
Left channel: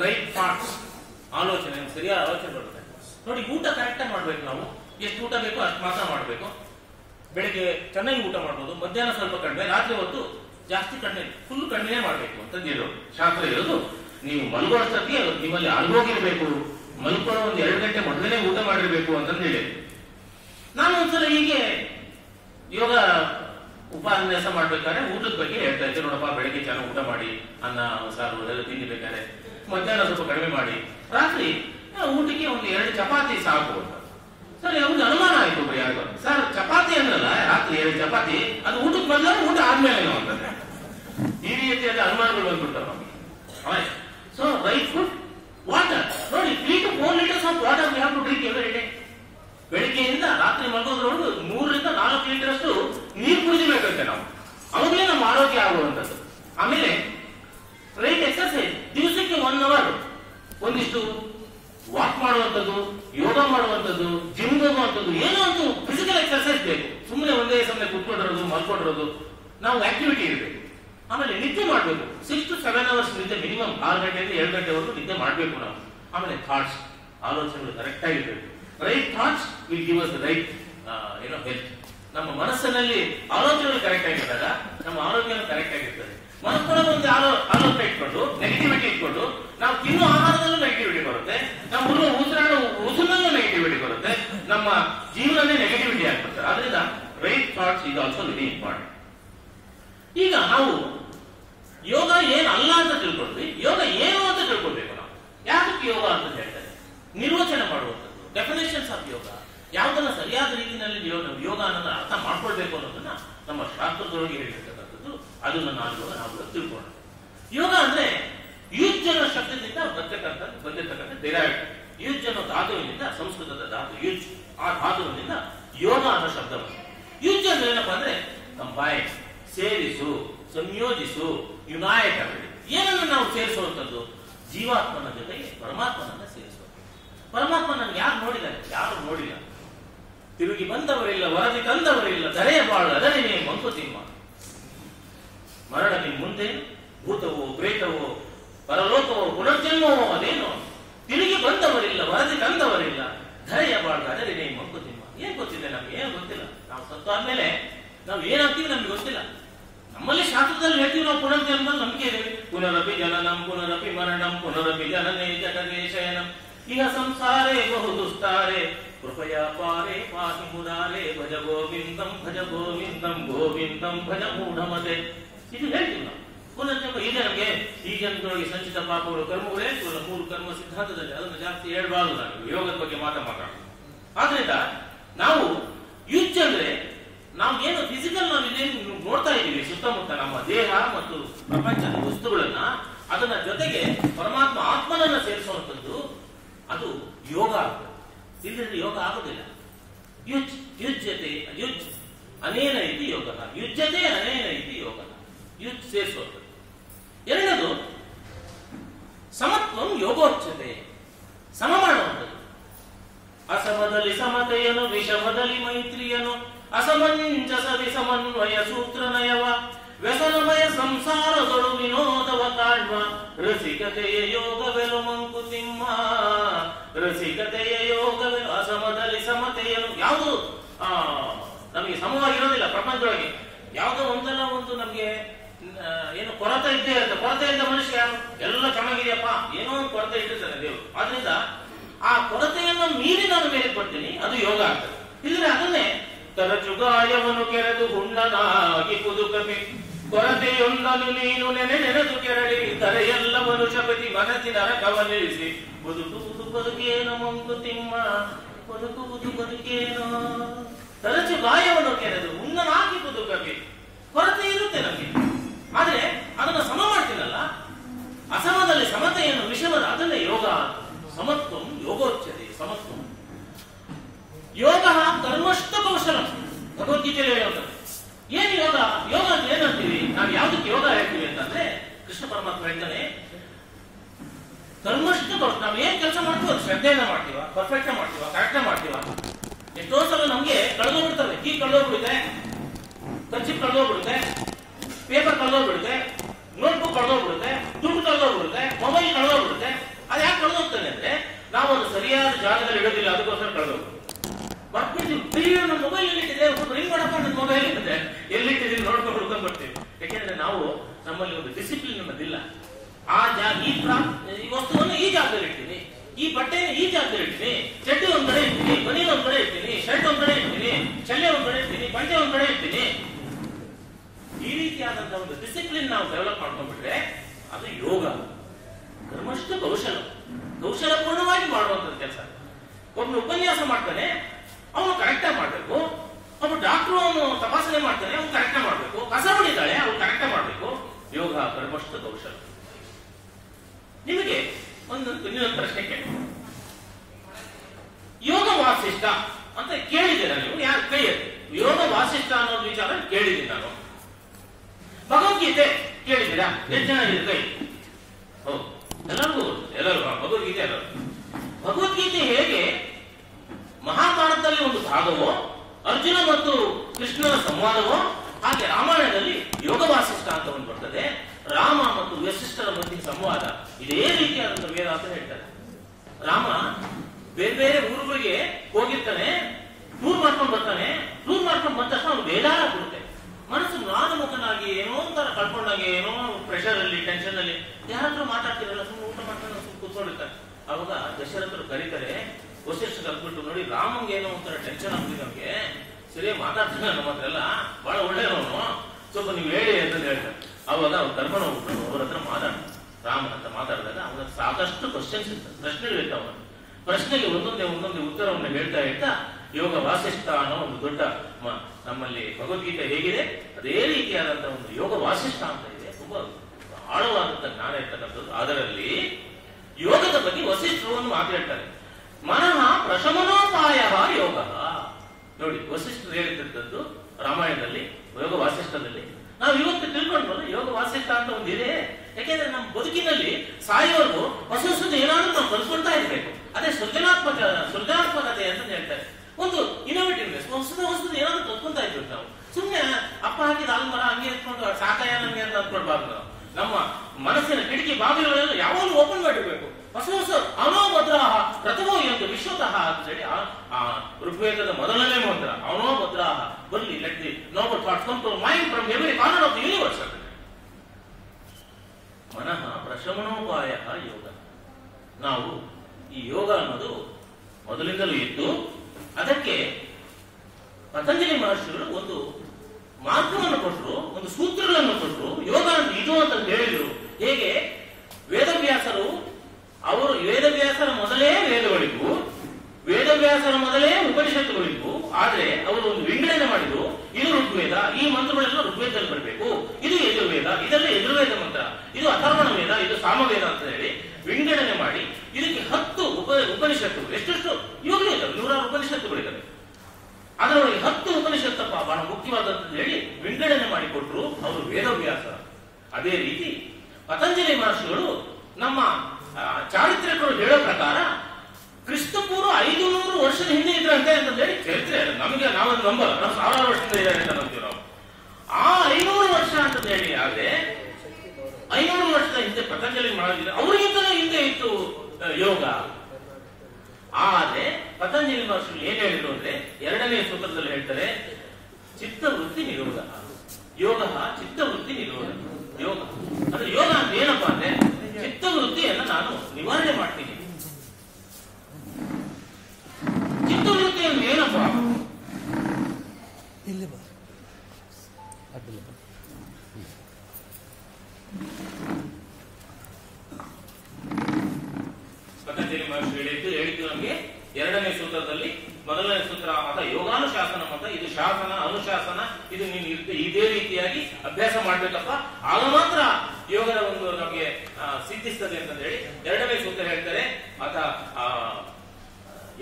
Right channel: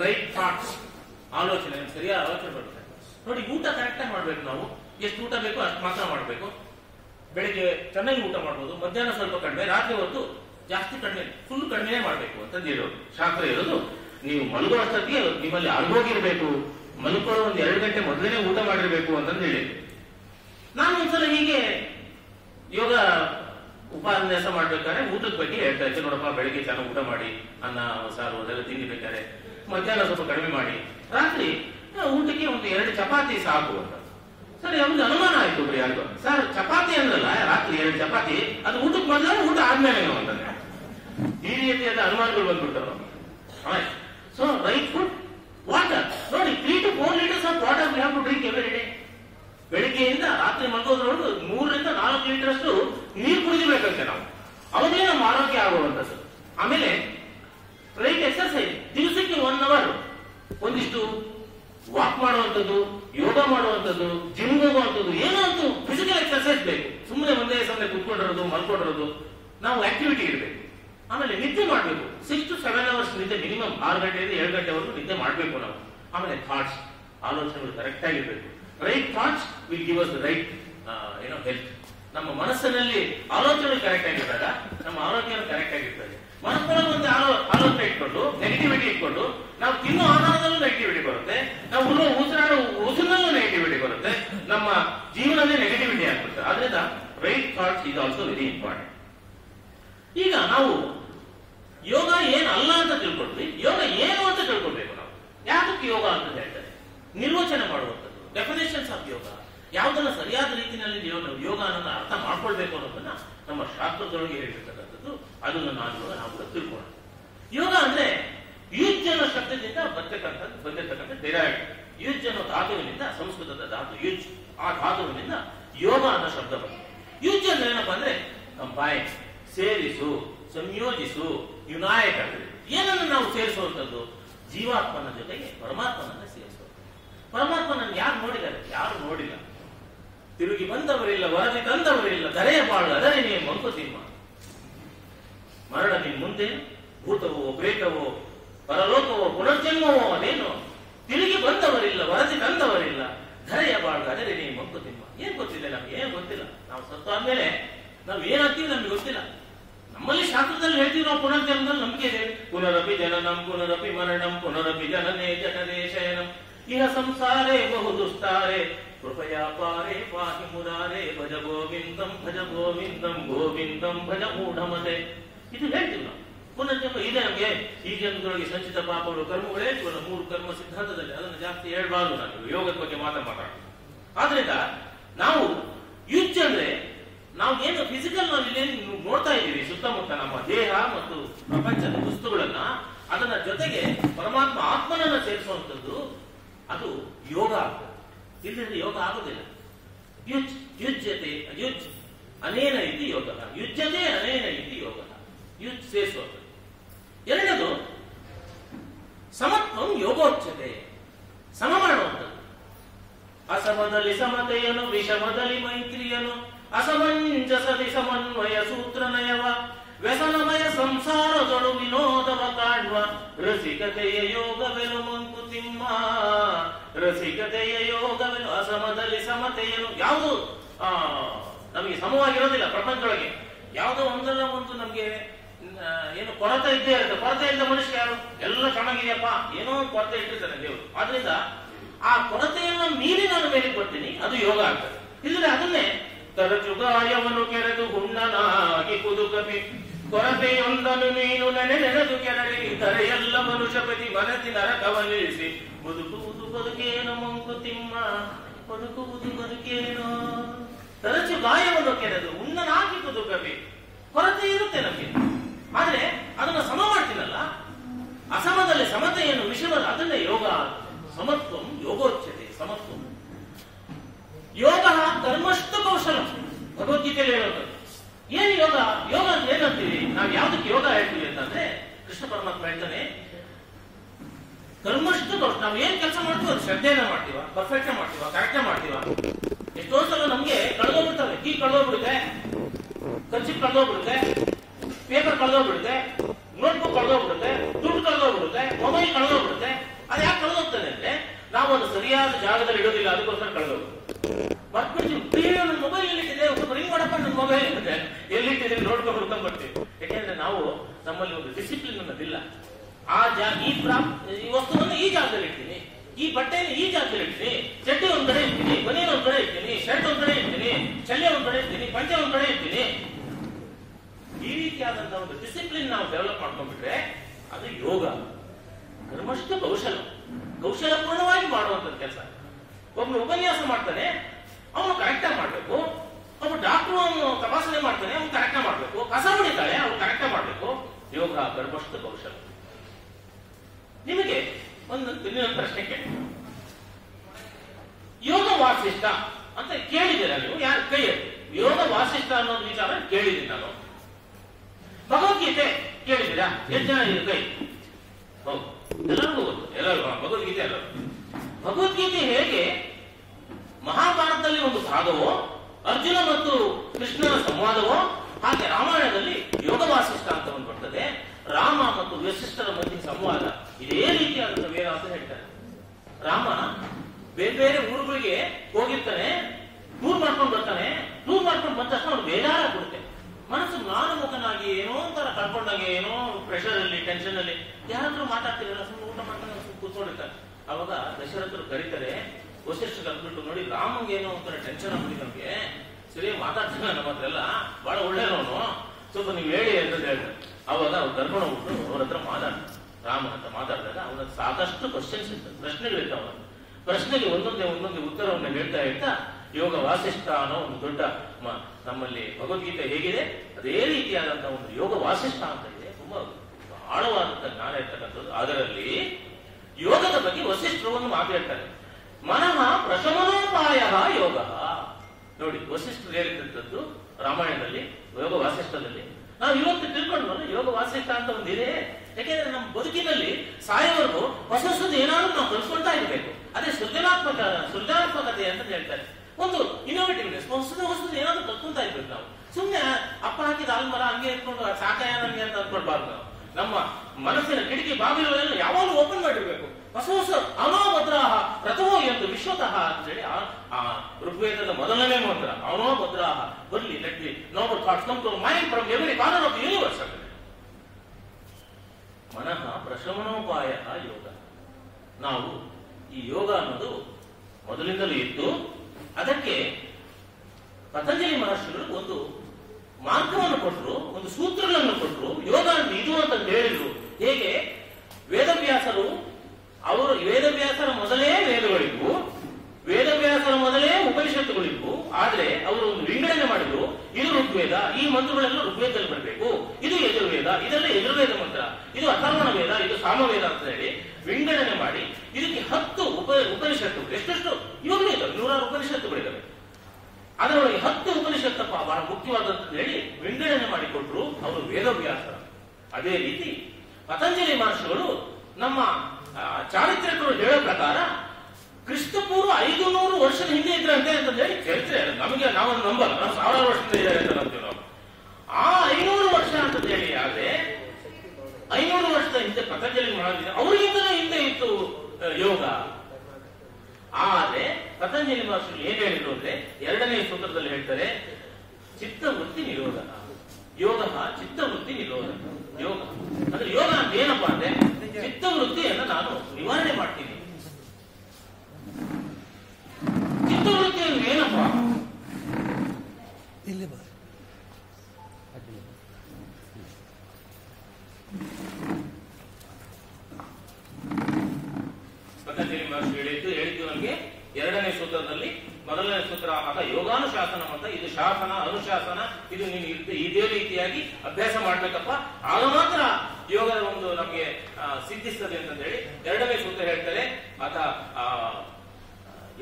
ರೈಟ್ ಥಾಟ್ಸ್, ಆಲೋಚನೆ, ಸರಿಯಾದ ಆಲೋಚನೆ ಬರುತ್ತೆ. ನೋಡಿ, ಊಟ ಕರೆಕ್ಟ್ ಆಗಿ ಮಾಡ್ಬೇಕು. ನಾವು ಎಷ್ಟು ಊಟ ಬೇಕೋ ಅಷ್ಟು ಮಾತ್ರ ಮಾಡ್ಬೇಕು. ಬೆಳಿಗ್ಗೆ ಚೆನ್ನಾಗಿ ಊಟ ಮಾಡ್ಬೋದು, ಮಧ್ಯಾಹ್ನ ಸ್ವಲ್ಪ ಕಡಿಮೆ, ರಾತ್ರಿ ಹೊತ್ತು ಜಾಸ್ತಿ ಕಡಿಮೆ, ಫುಲ್ ಕಡಿಮೆ ಮಾಡ್ಬೇಕು ಅಂತ ಹೇಳೋದು ಶಾಸ್ತ್ರ ಇರೋದು. ನೀವು ಮಲ್ಕೊಳ್ಳೋ ಸತಿ ನಿಮ್ಮಲ್ಲಿ ಆಗೋಗಿರ್ಬೇಕು, ಮಲ್ಕೊಳ್ಳೋ 2 ಗಂಟೆ ಮೊದಲನೇ ಊಟ ಮಾಡಿರ್ಬೇಕು ಅಂತಂದು ಹೇಳಿ. ನಾನು ಒಂದ್ಸಲ ಹೀಗೆ ಯೋಗ ಉಪನ್ಯಾಸ ಮಾಡ್ಬೇಕಾದ್ರೆ ಊಟದ ಬಗ್ಗೆ ಹೇಳ್ತಾ ಇದ್ದೆ. ನೋಡಪ್ಪ, ಬೆಳಿಗ್ಗೆ ಚೆನ್ನಾಗಿ ಊಟ ಮಾಡಿ, ಅನ್ನ ಸಾರು ಅದೆಲ್ಲ ತಿನ್ಬೇಕಾದ್ರೆ, ಮಧ್ಯಾಹ್ನ ಸ್ವಲ್ಪ ಕಡಿಮೆ ಮಾಡಿ, ರಾತ್ರಿ ಊಟಕ್ಕೆ 2 ಚಪಾತಿ ಸಾಕು ಅಂತ. ಸರಿ, ಅವ್ರಿಗೆ ಅನುಮಾನ ಆಯ್ತು. ಬರೀ ಯಾರು ಸರ್ ಚಪಾತಿ ಅಂದ್ರಲ್ಲ, ರಾತ್ರಿ 2 ಚಪಾತಿ, ಅದು ಊಟಕ್ಕೆ ಬಂದ್ರೆ ಊಟ ಆದ್ಮೇಲೆ ಅಂತಂದ್ರೆ ಈ ರೀತಿಯಾದ ಅನುಮಾನಗಳು ಬಂದ್ಬಿಡ್ತಾವ. So right food, water. ನೋಡಿ, 3 to 4 liters of water we have to drink every day. ಬೆಳಿಗ್ಗೆಯಿಂದ ರಾತ್ರಿ ಮಲ್ಗೋದ್ರೊಳಗೆ 3 ರಿಂದ 4 ಲೀಟರ್ ಅಷ್ಟು ನೀರು ಕುಡಿದಿರ್ಬೇಕಂತೆ ನಾವು, ಅವಾಗಲೇ ನಮ್ಮ ಆರೋಗ್ಯ ಆಗುವಂಥದ್ದು. ಆಮೇಲೆ ರೈಟ್ ಎಕ್ಸರ್ಸೈಸ್, ದಿವಸಕ್ಕೆ 1 hour ಒಂದಿಷ್ಟು ವಾಕ್ ಮಾಡುವಂಥದ್ದು, ಯೋಗ ಮಾಡುವಂಥದ್ದು, ಜಿಮ್ ಹೋಗುವಂಥದ್ದು, ಏನೋ ಒಂದು ಫಿಸಿಕಲ್ ಎಕ್ಸರ್ಸೈಸ್ ಬೇಕು. ಸುಮ್ಮನೆ ಒಂದೇ ಸಮಯ ಕುತ್ಕೊಂಡಿರೋದು, ಮಲ್ಕೊಂಡಿರೋದು, ನಾವು ಆಕ್ಟಿವಿಟಿ ಇರಬೇಕು. ಆಮೇಲೆ ನಿದ್ದೆ ಮಾಡಬೇಕು. 6 to 7 hours ನಿದ್ದೆ ಮಿನಿಮಮ್. 6 ಗಂಟೆಯಿಂದ 7 ಗಂಟೆವರೆಗೂ ನಿದ್ದೆ ಮಾಡಬೇಕು ನಾವು. ಆಮೇಲೆ ಥಾಟ್ಸ್, ಆಲೋಚನೆಗಳು ಕರೆಕ್ಟ್ ಆಗಿರ್ಬೇಕು. Right thoughts will give us the right health. ನಮ್ಮ ಮನಸ್ಸಿನಲ್ಲಿ ಆಲೋಚನೆಗಳು ಕರೆಕ್ಟ್ ಆಗಿದ್ದಾಗ ನಮ್ಮ ಆರೋಗ್ಯ ಕರೆಕ್ಟ್ ಆಗಿರ್ತದೆ. ಮನಸ್ಸಲ್ಲಿ ಒಂದು ಆಲೋಚನೆ ಇಟ್ಕೊಂಡು, ನೆಗೆಟಿವಿಟಿ ಇಟ್ಕೊಂಡು, ನಾವು ತಿನ್ನೋ ಆಹಾರದಲ್ಲೂ ನೆಗೆಟಿವಿಟಿ ಬರುತ್ತೆ, ನಾವು ಉಸಿರಾಡೋ ಉಸಿರಿನಲ್ಲೂ ನೆಗೆಟಿವಿಟಿ ಬರುತ್ತೆ, ನಮ್ಮ ಜೀವನನೇ ನೆಗೆಟಿವಿಟಿ ಆಗ್ತದೆ. ಆದ್ರಿಂದ right thoughts is also very important. ಈಗ ನಾವು ಯೋಗ ಏನು ಅಲ್ಲ ಅಂತ ತಿಳ್ಕೊಂಡ್ವಿ, ಯೋಗ ಏನು ಅಂತ ತಿಳ್ಕೊಳ್ಬೇಕು. ನಾವು ಯಾವ್ದಕ್ಕೆ ಯೋಗ ಅಂತ ಹೇಳ್ತಾರೆ, ನಿರ್ವಚನ ಮಾಡುವಂಥದ್ದು, ಡೆಫಿನೇಷನ್ಸ್ ಆಫ್ ಯೋಗ, ಯಾವುದನ್ನ ಸರಿಯಾದ ರೀತಿಯಲ್ಲಿ ಯೋಗ ಅನ್ನೋದನ್ನ ಅರ್ಥ ಮಾಡ್ಕೊಳ್ಬೇಕು ಅನ್ನೋದನ್ನ ನಮ್ಮ ಶಾಸ್ತ್ರದೊಳಗೆ ಹೇಳಿರ್ತಕ್ಕಂಥದ್ದು. ಅದನ್ನು ನಾವು ತಿಳ್ಕೊಂಡು, ಯೋಗ ಅಂದ್ರೆ ಯುಜ್ ಅನ್ನೋ ಶಬ್ದದಿಂದ ಬಂದಿರತಕ್ಕಂಥ ಡಿರೈವ್ಡ್. ಯುಜ್ ಅನ್ನೋ ಧಾತುವಿನಿಂದ, ಸಂಸ್ಕೃತದ ಧಾತು ಯುಜ್, ಆ ಧಾತುವಿನಿಂದ ಯೋಗ ಅಂತ ಶಬ್ದ ಬಂತು. ಯುಜ್ ಅಂದ್ರೆ ಏನಪ್ಪಾ ಅಂದ್ರೆ ಕಂಬೈನ್, ಸೇರಿಸು, ಸಂಯೋಜಿಸು, ಯುನೈಟ್ ಅಂದ್ರೆ ಏನನ್ನು ನಾವು ಸೇರಿಸುವಂಥದ್ದು? ಜೀವಾತ್ಮನ ಜೊತೆಗೆ ಪರಮಾತ್ಮನನ್ನ ಸೇರಿಸುವುದು. ಪರಮಾತ್ಮನನ್ನು ಯಾರು ನೋಡಿದ್ದಾರೆ? ಯಾರು ನೋಡಿಲ್ಲ. ತಿರುಗಿ ಬಂದವರಿಲ್ಲ, ವರದಿ ತಂದವರಿಲ್ಲ, ಧರೆಯ ಬಾಳು ಅದರೇ ಮಂಕುತಿಮ್ಮ. ಮರಣ ನಿನ್ ಮುಂದೆ ಭೂತವೋ ಪ್ರೇತವೋ ಪರಲೋಕವೋ ಪುನರ್ಜನ್ಮವೋ ಅದೇನೋ, ತಿರುಗಿ ಬಂದವರಿಲ್ಲ, ವರದಿ ತಂದವರಿಲ್ಲ, ಧರೆಯ ಬಾಳು ಅದರೇ ಮಂಕುತಿಮ್ಮ. ಏನ್ ಗೊತ್ತಿದೆ ನಮ್ಗೆ? ಏನ್ ಗೊತ್ತಿಲ್ಲ. ನಾವು ಸತ್ತಾದ್ಮೇಲೆ ನಾವು ಏನಾಗ್ತೀವಿ ನಮ್ಗೆ ಗೊತ್ತಿಲ್ಲ. ನಮ್ಮಲ್ಲಿ ಶಾಸ್ತ್ರದಲ್ಲಿ ಹೇಳ್ತೀವಿ ನಾವು ಪುನರ್ಜನ್ಮದಲ್ಲಿ ನಂಬಿಕೆ ಇದೆ. ಪುನರಪಿ ಜನನಂ ಪುನರಪಿ ಮರಣಂ ಪುನರಪಿ ಜನನೇ ಜಠರೇ ಶಯನಂ ಇಹ ಸಂಸಾರೇ ಬಹು ದುಸ್ತಾರೆ ಕೃಪಯಾ ಪಾರೇ ಪಾಹಿ ಮುರಾರೇ ಭಜ ಗೋವಿಂದಂ ಗೋವಿಂದಂ ಭಜ ಮೂಢಮತೆ. ಇದು ಹೇಳ್ತೀವಿ ನಾವು. ಪುನರ್ಜನ್ಮ ಇದೆ ನಮಗೆ. ಈ ಜನ್ಮಗಳಿಗೆ ಸಂಚಿತ ಪಾಪಗಳು ಕರ್ಮಗಳು ಹೇಳ್ತೀವಲ್ಲ, 3 ಕರ್ಮ ಸಿದ್ಧಾಂತದಲ್ಲಿ. ಅದನ್ನು ಜಾಸ್ತಿ ಹೇಳ್ಬಾರ್ದು. ನಾನು ಯೋಗದ ಬಗ್ಗೆ ಮಾತಾಡ್ತೀನಿ. ಆದ್ರಿಂದ ನಾವು ಯುಜ್ ಅಂದ್ರೆ ನಾವು ಏನು ಫಿಸಿಕಲ್ ನಾವು ಇಲ್ಲೇನು ನೋಡ್ತಾ ಇದ್ದೀವಿ ಸುತ್ತಮುತ್ತ ನಮ್ಮ ದೇಹ ಮತ್ತು ಪ್ರಪಂಚದ ವಸ್ತುಗಳನ್ನ, ಅದನ್ನ ಜೊತೆಗೆ ಪರಮಾತ್ಮ ಆತ್ಮನನ್ನ ಸೇರಿಸುವಂಥದ್ದು, ಅದು ಯೋಗ ಆಗ್ತದೆ. ಇಲ್ಲದ್ರೆ ಯೋಗ ಆಗುದಿಲ್ಲ. ಯುಜ್ಯತೆ ಯುಜ್ ಅನೇನ ಇದು ಯೋಗ, ಯುಜ್ಯತೆ ಅನೇನ ಇದು ಯೋಗ. ಯುಜ್ ಸೇರಿಸುವಂಥದ್ದು. ಎರಡನೇದು ಸಮತ್ವಂ ಯೋಗೋಚ್ಯತೆ, ಸಮ ಮಾಡುವಂಥದ್ದು. ಅಸಮದಲ್ಲಿ ಸಮತೆಯನು, ವಿಷಮದಲ್ಲಿ ಮೈತ್ರಿಯನು, ಅಸಮಂಜಸದಿ ಸಮನ್ವಯ ಸೂತ್ರ ನಯವ, ವ್ಯಸನಮಯ ಸಂಸಾರದೊಳು ವಿನೋದವ ಕಾಣ್ವ, ರಸಿಕತೆಯ ಯೋಗವೆನು ಮಂಕುತಿಮ್ಮ. ರಸಿಕತೆಯ ಯೋಗವೆನು. ಅಸಮದಲ್ಲಿ ಸಮತೆಯನು, ಯಾವುದು ನಮಗೆ ಸಮವಾಗಿರೋದಿಲ್ಲ ಪ್ರಪಂಚದೊಳಗೆ. ಯಾವುದೋ ಒಂದಲ್ಲ ಒಂದು ನಮ್ಗೆ ಏನು ಕೊರತೆ ಇದ್ದೇ ಇರುತ್ತೆ. ಕೊರತೆಯಿಂದ ಮನುಷ್ಯ ಯಾರು? ಎಲ್ಲ ಚೆನ್ನಾಗಿದೆಯಪ್ಪ, ಏನೋ ಒಂದು ಕೊರತೆ ಇಟ್ಟಿರ್ತಾನೆ ದೇವರು. ಆದ್ರಿಂದ ಆ ಕೊರತೆಯನ್ನು ಮೀರಿ ನಾನು ಮೇಲೆ ಕೊಡ್ತೀನಿ, ಅದು ಯೋಗ ಆಗ್ತದೆ. ಇಲ್ಲದ್ರೆ ಅದನ್ನೇ ತರಚುಗಾಯವನ್ನು ಕೆರೆದು ಹುಣ್ಣನಾಗಿ ಕುದುಕಬಿ, ಕೊರತೆಯೊಂದನ್ನು ನೀನು ನೆನೆದು ಕೆರಳಿ, ತರೆಯೆಲ್ಲ ಮನುಷ್ಯಪತಿ ಮನಸ್ಸಿ ನರಕವನ್ನಿಳಿಸಿ, ಬದುಕುವುದು ಬದುಕೇನು ಮಂಕುತಿಮ್ಮ, ಬದುಕುವುದು ಬದುಕೇನು. ತರಚು ಗಾಯವನ್ನು ಕೆರೆದು ಹುಣ್ಣನಾಗಿ ಕುದುಕಬಿ. ಕೊರತೆ ಇರುತ್ತೆ ನಮಗೆ, ಆದ್ರೆ ಅದನ್ನ ಸಮ ಮಾಡ್ತೀನಲ್ಲ. ಅಸಮದಲ್ಲಿ ಸಮತೆಯನ್ನು, ವಿಷಮದ ಅದನ್ನೇ ಯೋಗ. ಸಮತ್ವಂ ಯೋಗೋಚ್ಯತೆ. ಸಮತ್ವಂ ಯೋಗ ಕರ್ಮಷ್ಟು ಕೌಶಲ. ಭಗವದ್ಗೀತೆಯಲ್ಲಿ ಹೇಳೋದು ಏನು ಯೋಗ? ಯೋಗ ಅಂತ ಏನಂತೀವಿ ನಾವು? ಯಾವ್ದಕ್ಕೆ ಯೋಗ ಹೇಳ್ತೀವಿ ಅಂತಂದ್ರೆ, ಕೃಷ್ಣ ಪರಮಾತ್ಮ ಹೇಳ್ತಾನೆ, ಕರ್ಮಷ್ಟು ಕೌಶಲ. ನಾವ್ ಏನ್ ಕೆಲಸ ಮಾಡ್ತೀವಿ ಅದು ಶ್ರದ್ಧೆಯನ್ನ ಮಾಡ್ತೀವ, ಪರ್ಫೆಕ್ಟ್ ಮಾಡ್ತೀವ, ಕರೆಕ್ಟ್ ಮಾಡ್ತೀವ. ಎಷ್ಟೋ ಸಲ ನಮ್ಗೆ ಕಳೆದೋಗ್ಬಿಡ್ತವೆ. ಕೀ ಕಳೆದೋಗ್ಬಿಡುತ್ತೆ, ಖರ್ಚು ಕಳೆದೋಗ್ಬಿಡುತ್ತೆ, ಪೇಪರ್ ಕಳೆದೋಗ್ಬಿಡುತ್ತೆ, ನೋಟ್ಬುಕ್ ಕಳೆದೋಗ್ಬಿಡುತ್ತೆ, ದುಡ್ಡು ಕಳೆದೋಗ್ಬಿಡುತ್ತೆ, ಮೊಬೈಲ್ ಕಳೆದೋಗ್ಬಿಡುತ್ತೆ. ಅದು ಯಾಕೆ ಕಳೆದೋಗ್ತದೆ ಅಂದ್ರೆ ನಾವು ಅದು ಸರಿಯಾದ ಜಾಗದಲ್ಲಿ ಇಡೋದಿಲ್ಲ, ಅದಕ್ಕೋಸ್ಕರ ಕಳೆದೋಗ್ತದೆ. ಬರ್ಬಿಡ್ತೀವಿ, ನನ್ನ ಮೊಬೈಲ್ ಎಲ್ಲಿಟ್ಟಿದೆ, ಸ್ವಲ್ಪ ರಿಂಗ್ ಮಾಡಪ್ಪ, ನನ್ನ ಮೊಬೈಲ್ ಇಟ್ಟಿದೆ, ಎಲ್ಲಿಟ್ಟಿದ್ದೀನಿ ನೋಡ್ಕೊಂಡು ಹುಡ್ಕೊಂಡ್ ಬರ್ತೀವಿ. ಯಾಕೆಂದ್ರೆ ನಾವು ನಮ್ಮಲ್ಲಿ ಒಂದು ಡಿಸಿಪ್ಲಿನ್ ಅನ್ನೋದಿಲ್ಲ. ಈ ವಸ್ತುವನ್ನು ಈ ಜಾಗದಲ್ಲಿ ಇಡ್ತೀನಿ, ಈ ಬಟ್ಟೆನ ಈ ಜಾಗದಲ್ಲಿ ಇಡ್ತೀನಿ, ಚಡ್ಡಿ ಒಂದ್ ಕಡೆ ಇಡ್ತೀನಿ, ಬನೀನ್ ಒಂದ್ ಕಡೆ ಇಡ್ತೀನಿ, ಶರ್ಟ್ ಒಂದ್ ಕಡೆ ಇಡ್ತೀನಿ, ಚಲ್ಲೆ ಒಂದ್ ಕಡೆ ಇಡ್ತೀನಿ, ಪಂಚೆ ಒಂದ್ ಕಡೆ ಇಡ್ತೀನಿ. ಈ ರೀತಿಯಾದಂತಹ ಒಂದು ಡಿಸಿಪ್ಲಿನ್ ನಾವು ಡೆವಲಪ್ ಮಾಡ್ಕೊಂಡ್ಬಿಟ್ರೆ ಅದು ಯೋಗ. ಕರ್ಮಷ್ಟು ಕೌಶಲ, ಕೌಶಲಪೂರ್ಣವಾಗಿ ಮಾಡುವಂತ ಕೆಲಸ. ಒಬ್ಬನು ಉಪನ್ಯಾಸ ಮಾಡ್ತಾನೆ, ಅವನು ಕರೆಕ್ಟ್ ಆಗಿ ಮಾಡ್ಬೇಕು. ಒಬ್ಬ ಡಾಕ್ಟರ್ ಅವನು ತಪಾಸಣೆ ಮಾಡ್ತಾನೆ, ಅವನು ಕರೆಕ್ಟ್ ಆಗಿ ಮಾಡ್ಬೇಕು. ಕಸ ಹೊಡಿತಾಳೆ, ಅವನು ಕರೆಕ್ಟ್ ಆಗಿ ಮಾಡ್ಬೇಕು. ಯೋಗ ಕರ್ಮಷ್ಟು ಕೌಶಲ. ನಿಮಗೆ ಇನ್ನೊಂದು ಪ್ರಶ್ನೆ ಕೇಳಿ, ಯೋಗ ವಾಸಿಷ್ಠ ಅಂತ ಕೇಳಿದ್ದೀರಾ ನೀವು? ಯಾರು ಕೈ ಎತ್ತಿ. ಯೋಗ ವಾಸಿಷ್ಠ ಅನ್ನೋದು ವಿಚಾರ ಕೇಳಿದ್ದೀನಿ ನಾನು. ಭಗವದ್ಗೀತೆ ಕೇಳಿದ್ದೀರಾ? ಎಷ್ಟು ಜನ ಇದೆ ಕೈ? ಹೌದು, ಎಲ್ಲರಿಗೂ ಭಗವದ್ಗೀತೆ ಎಲ್ಲರೂ. ಭಗವದ್ಗೀತೆ ಹೇಗೆ ಮಹಾಭಾರತದಲ್ಲಿ ಒಂದು ಭಾಗವೋ, ಅರ್ಜುನ ಮತ್ತು ಕೃಷ್ಣನ ಸಂವಾದವೋ, ಹಾಗೆ ರಾಮಾಯಣದಲ್ಲಿ ಯೋಗ ವಾಸಿಷ್ಠ ಅಂತ ಒಂದು ಬರ್ತದೆ. ರಾಮ ಮತ್ತು ವಸಿಷ್ಠರ ಮಧ್ಯೆ ಸಂವಾದ. ಇದೇ ರೀತಿಯಾದಂತಹ ವೇದ ಅಂತ ಹೇಳ್ತಾರೆ. ರಾಮ ಬೇರೆ ಬೇರೆ ಊರುಗಳಿಗೆ ಹೋಗಿರ್ತಾನೆ, ಟೂರ್ ಮಾಡ್ಕೊಂಡು ಬರ್ತಾನೆ. ಟೂರ್ ಮಾಡ್ಕೊಂಡು ಬಂದ ತಕ್ಷಣ ಅವ್ನು ಬೇಜಾರಾಗ್ಬಿಡುತ್ತೆ. ಮನಸ್ಸು ಜ್ಞಾನಮುಖನಾಗಿ ಏನೋ ಒಂಥರ ಕಳ್ಕೊಂಡಾಗೆ, ಏನೋ ಪ್ರೆಷರ್ ಅಲ್ಲಿ, ಟೆನ್ಷನ್ ಅಲ್ಲಿ ಯಾರಾದ್ರೂ ಮಾತಾಡ್ತಿರಲ್ಲ, ಸುಮ್ಮನೆ ಊಟ ಮಾಡ್ಕೊಂಡು ಕೂತ್ಕೊಂಡಿರ್ತಾರೆ. ಅವಾಗ ದಶರಥರು ಕರೀತಾರೆ, ವಸಿಷ್ಠ ಕಲ್ಬಿಟ್ಟು, ನೋಡಿ ರಾಮಂಗೆ ಏನೋ ಒಂಥರ ಟೆನ್ಷನ್ ಆಗ್ಬಿಟ್ಟು ನಮ್ಗೆ, ಸರಿಯಾಗಿ ಮಾತಾಡ್ತಾನೆ ನಮ್ಮ ಹತ್ರ ಎಲ್ಲ, ಬಹಳ ಒಳ್ಳೆಯವನು, ಸ್ವಲ್ಪ ನೀವು ಹೇಳಿ ಅಂತ ಹೇಳ್ತಾರೆ. ಅವಾಗ ಅವ್ರು ಕರ್ಕೊಂಡು ಹೋಗ್ಬಿಟ್ಟು ಅವ್ರ ಹತ್ರ ರಾಮನ ಹತ್ರ ಮಾತಾಡಿದಾಗ ಅವನ ಸಾಕಷ್ಟು ಕ್ವಶನ್ಸ್ ಇರ್ತವೆ, ಪ್ರಶ್ನೆಗಳಿರ್ತಾವ. ಪ್ರಶ್ನೆಗೆ ಒಂದೊಂದೇ ಉತ್ತರವನ್ನು ಹೇಳ್ತಾ ಹೇಳ್ತಾ ಯೋಗ ವಾಸಿಷ್ಠ ಅನ್ನೋ ಒಂದು ದೊಡ್ಡ ನಮ್ಮಲ್ಲಿ ಭಗವದ್ಗೀತೆ ಹೇಗಿದೆ ಅದೇ ರೀತಿಯಾದಂತಹ ಒಂದು ಯೋಗ ವಾಸಿಷ್ಠ ಅಂತ ಇದೆ. ತುಂಬಾ ಆಳವಾದಂತಹ ಜ್ಞಾನ ಇರ್ತಕ್ಕಂಥದ್ದು. ಅದರಲ್ಲಿ ಯೋಗದ ಬಗ್ಗೆ ವಸಿಷ್ಠವನ್ನು ಮಾತಾಡ್ತಾರೆ. ಮನಃ ಪ್ರಶಮನೋಪಾಯ ಯೋಗ. ನೋಡಿ, ವಸಿಷ್ಠರು ಹೇಳಿರ್ತದ್ದು ರಾಮಾಯಣದಲ್ಲಿ, ಯೋಗ ವಾಸಿಷ್ಠದಲ್ಲಿ. ನಾವು ಇವತ್ತು ತಿಳ್ಕೊಂಡ್ರಲ್ಲ ಯೋಗ ವಾಸಿಷ್ಠ ಅಂತ ಒಂದಿದೆ. ಯಾಕೆಂದ್ರೆ ನಮ್ಮ ಬದುಕಿನಲ್ಲಿ ಸಾಯೋವರೆಗೂ ಹೊಸ ಹೊಸದು ಏನಾದ್ರೂ ನಾವು ಕಲ್ಸ್ಕೊಳ್ತಾ ಇರ್ಬೇಕು. ಅದೇ ಸೃಜನಾತ್ಮಕತೆ ಅಂತ ಹೇಳ್ತಾರೆ. ಒಂದು ಇನೋವೇಟಿವ್ನೆಸ್, ಹೊಸದು ಏನಾದ್ರೂ ಕಲ್ತ್ಕೊಂತಾ ಇರ್ಬೇಕು. ನಾವು ಸುಮ್ಮನೆ ಅಪ್ಪ ಹಾಕಿದ ಅಲ್ಮರ ಹಂಗೆ ಇಟ್ಕೊಂಡು ಸಾಕಾಯ ನಮ್ಗೆ ಅಂತ ಅನ್ಕೊಳ್ಬಾರ್ದು. ನಾವು ನಮ್ಮ ಮನಸ್ಸಿನ ಕಿಟಕಿ ಬಾಗಿಲುಗಳೆಲ್ಲ ಯಾವಾಗಲೂ ಓಪನ್ ಮಾಡಿರ್ಬೇಕು. ಹೊಸ ಹೊಸ ಅನೋಭದ್ರಾಹ ಪ್ರಥಮೋ ಎಂದು ವಿಶ್ವತಃ ಅಂತ ಹೇಳಿ ಆ ಋಗ್ವೇದದ ಮೊದಲನೇ ಮಂತ್ರ ಅನೋಭದ್ರಾಹ. ಬರ್ಲಿ, let the noble thoughts come to mind from every corner of the universe. ಮನಃ ಪ್ರಶಮನೋಪಾಯ ಯೋಗ. ನಾವು ಈ ಯೋಗ ಅನ್ನೋದು ಮೊದಲಿಂದಲೂ ಇದ್ದು, ಅದಕ್ಕೆ ಪತಂಜಲಿ ಮಹರ್ಷಿಗಳು ಒಂದು ಮಾರ್ಗವನ್ನು ಕೊಟ್ಟರು, ಒಂದು ಸೂತ್ರಗಳನ್ನು ಕೊಟ್ಟರು. ಯೋಗ ಅಂತ ಇದು ಅಂತ ಹೇಳಿದ್ರು. ಹೇಗೆ ವೇದವ್ಯಾಸರು, ಅವರು ವೇದವ್ಯಾಸರ ಮೊದಲೇ ವೇದಗಳಿದ್ವು, ವೇದವ್ಯಾಸರ ಮೊದಲೇ ಉಪನಿಷತ್ತುಗಳಿದ್ವು. ಆದ್ರೆ ಅವರು ಒಂದು ವಿಂಗಡಣೆ ಮಾಡಿದ್ರು. ಇದು ಋಗ್ವೇದ, ಈ ಮಂತ್ರಗಳೆಲ್ಲ ಋಗ್ವೇದದಲ್ಲಿ ಬರಬೇಕು, ಇದು ಯಜುರ್ವೇದ, ಇದೆಲ್ಲ ಯಜುರ್ವೇದ ಮಂತ್ರ, ಇದು ಅಥರ್ವಣ ವೇದ, ಇದು ಸಾಮವೇದ ಅಂತ ಹೇಳಿ ವಿಂಗಡಣೆ ಮಾಡಿ ಇದಕ್ಕೆ 10 ಉಪನಿಷತ್ತುಗಳು, ಎಷ್ಟೆಷ್ಟು ಇವಾಗಲೂ ಇದ್ದಾವೆ, 100 ಉಪನಿಷತ್ತುಗಳಿದ್ದಾವೆ. ಅದರೊಳಗೆ 10 ಉಪನಿಷತ್ತಪ್ಪ ಬಹಳ ಮುಖ್ಯವಾದಂತ ಹೇಳಿ ವಿಂಗಡಣೆ ಮಾಡಿಕೊಟ್ರು ಅವರು ವೇದವ್ಯಾಸ. ಅದೇ ರೀತಿ ಪತಂಜಲಿ ಮಹರ್ಷಿಗಳು ನಮ್ಮ ಚಾರಿತ್ರಿಕರು ಹೇಳೋ ಪ್ರಕಾರ ಕ್ರಿಸ್ತಪೂರ್ವ 500 ವರ್ಷದ ಹಿಂದೆ ಇದ್ರಂತೆ ಅಂತ ಹೇಳಿ ಚರಿತ್ರೆ. ನಮಗೆ ನಾವೊಂದು ನಂಬಲ್ಲ, ನಾವು 1000 ವರ್ಷದಿಂದ ಇದ್ದಾರೆ ಅಂತ ನಂಬ್ತೀವಿ ನಾವು. ಆ 500 ವರ್ಷ ಅಂತ ಹೇಳಿ ಆದ್ರೆ 500 ವರ್ಷದ ಹಿಂದೆ ಪತಂಜಲಿ ಮಾಡಿದ್ರೆ ಅವರಿಗಿಂತಲೂ ಹಿಂದೆ ಇತ್ತು ಯೋಗ. ಆದ್ರೆ ಪತಂಜಲಿ ಮಹರ್ಷಿಗಳು ಏನ್ ಹೇಳಿದ್ರು ಅಂದ್ರೆ, 2ನೇ ಸೂತ್ರದಲ್ಲಿ ಹೇಳ್ತಾರೆ, ಚಿತ್ತವೃತ್ತಿ ನಿರೋಧ. ಯೋಗ ಚಿತ್ತವೃತ್ತಿ ನಿರೋಧ. ಯೋಗ ಅಂದ್ರೆ ಯೋಗ ಅಂತ ಏನಪ್ಪಾ ಅಂದ್ರೆ ಚಿತ್ತವೃತ್ತಿಯನ್ನು ನಾನು ನಿವಾರಣೆ ಮಾಡ್ತೀನಿ. ಚಿತ್ತವೃತ್ತಿ ಅಂದ್ರೆ ಏನಪ್ಪಾ? ಪತಂಜಲಿ ಮಹರ್ಷಿ ಹೇಳಿದ್ದು ನಮಗೆ 2ನೇ ಸೂತ್ರದಲ್ಲಿ. ಮೊದಲನೇ ಸೂತ್ರ ಮತ ಯೋಗಾನುಶಾಸನ ಮತ. ಇದು ಶಾಸನ ಅನುಶಾಸನ, ಇದು ನೀನು ಇದೇ ರೀತಿಯಾಗಿ ಅಭ್ಯಾಸ ಮಾಡ್ಬೇಕಪ್ಪ, ಆಗ ಮಾತ್ರ ಯೋಗದ ಒಂದು ನಮಗೆ ಸಿದ್ಧಿಸ್ತದೆ ಅಂತ ಹೇಳಿ 2ನೇ ಸೂತ್ರ ಹೇಳ್ತಾರೆ. ಮತ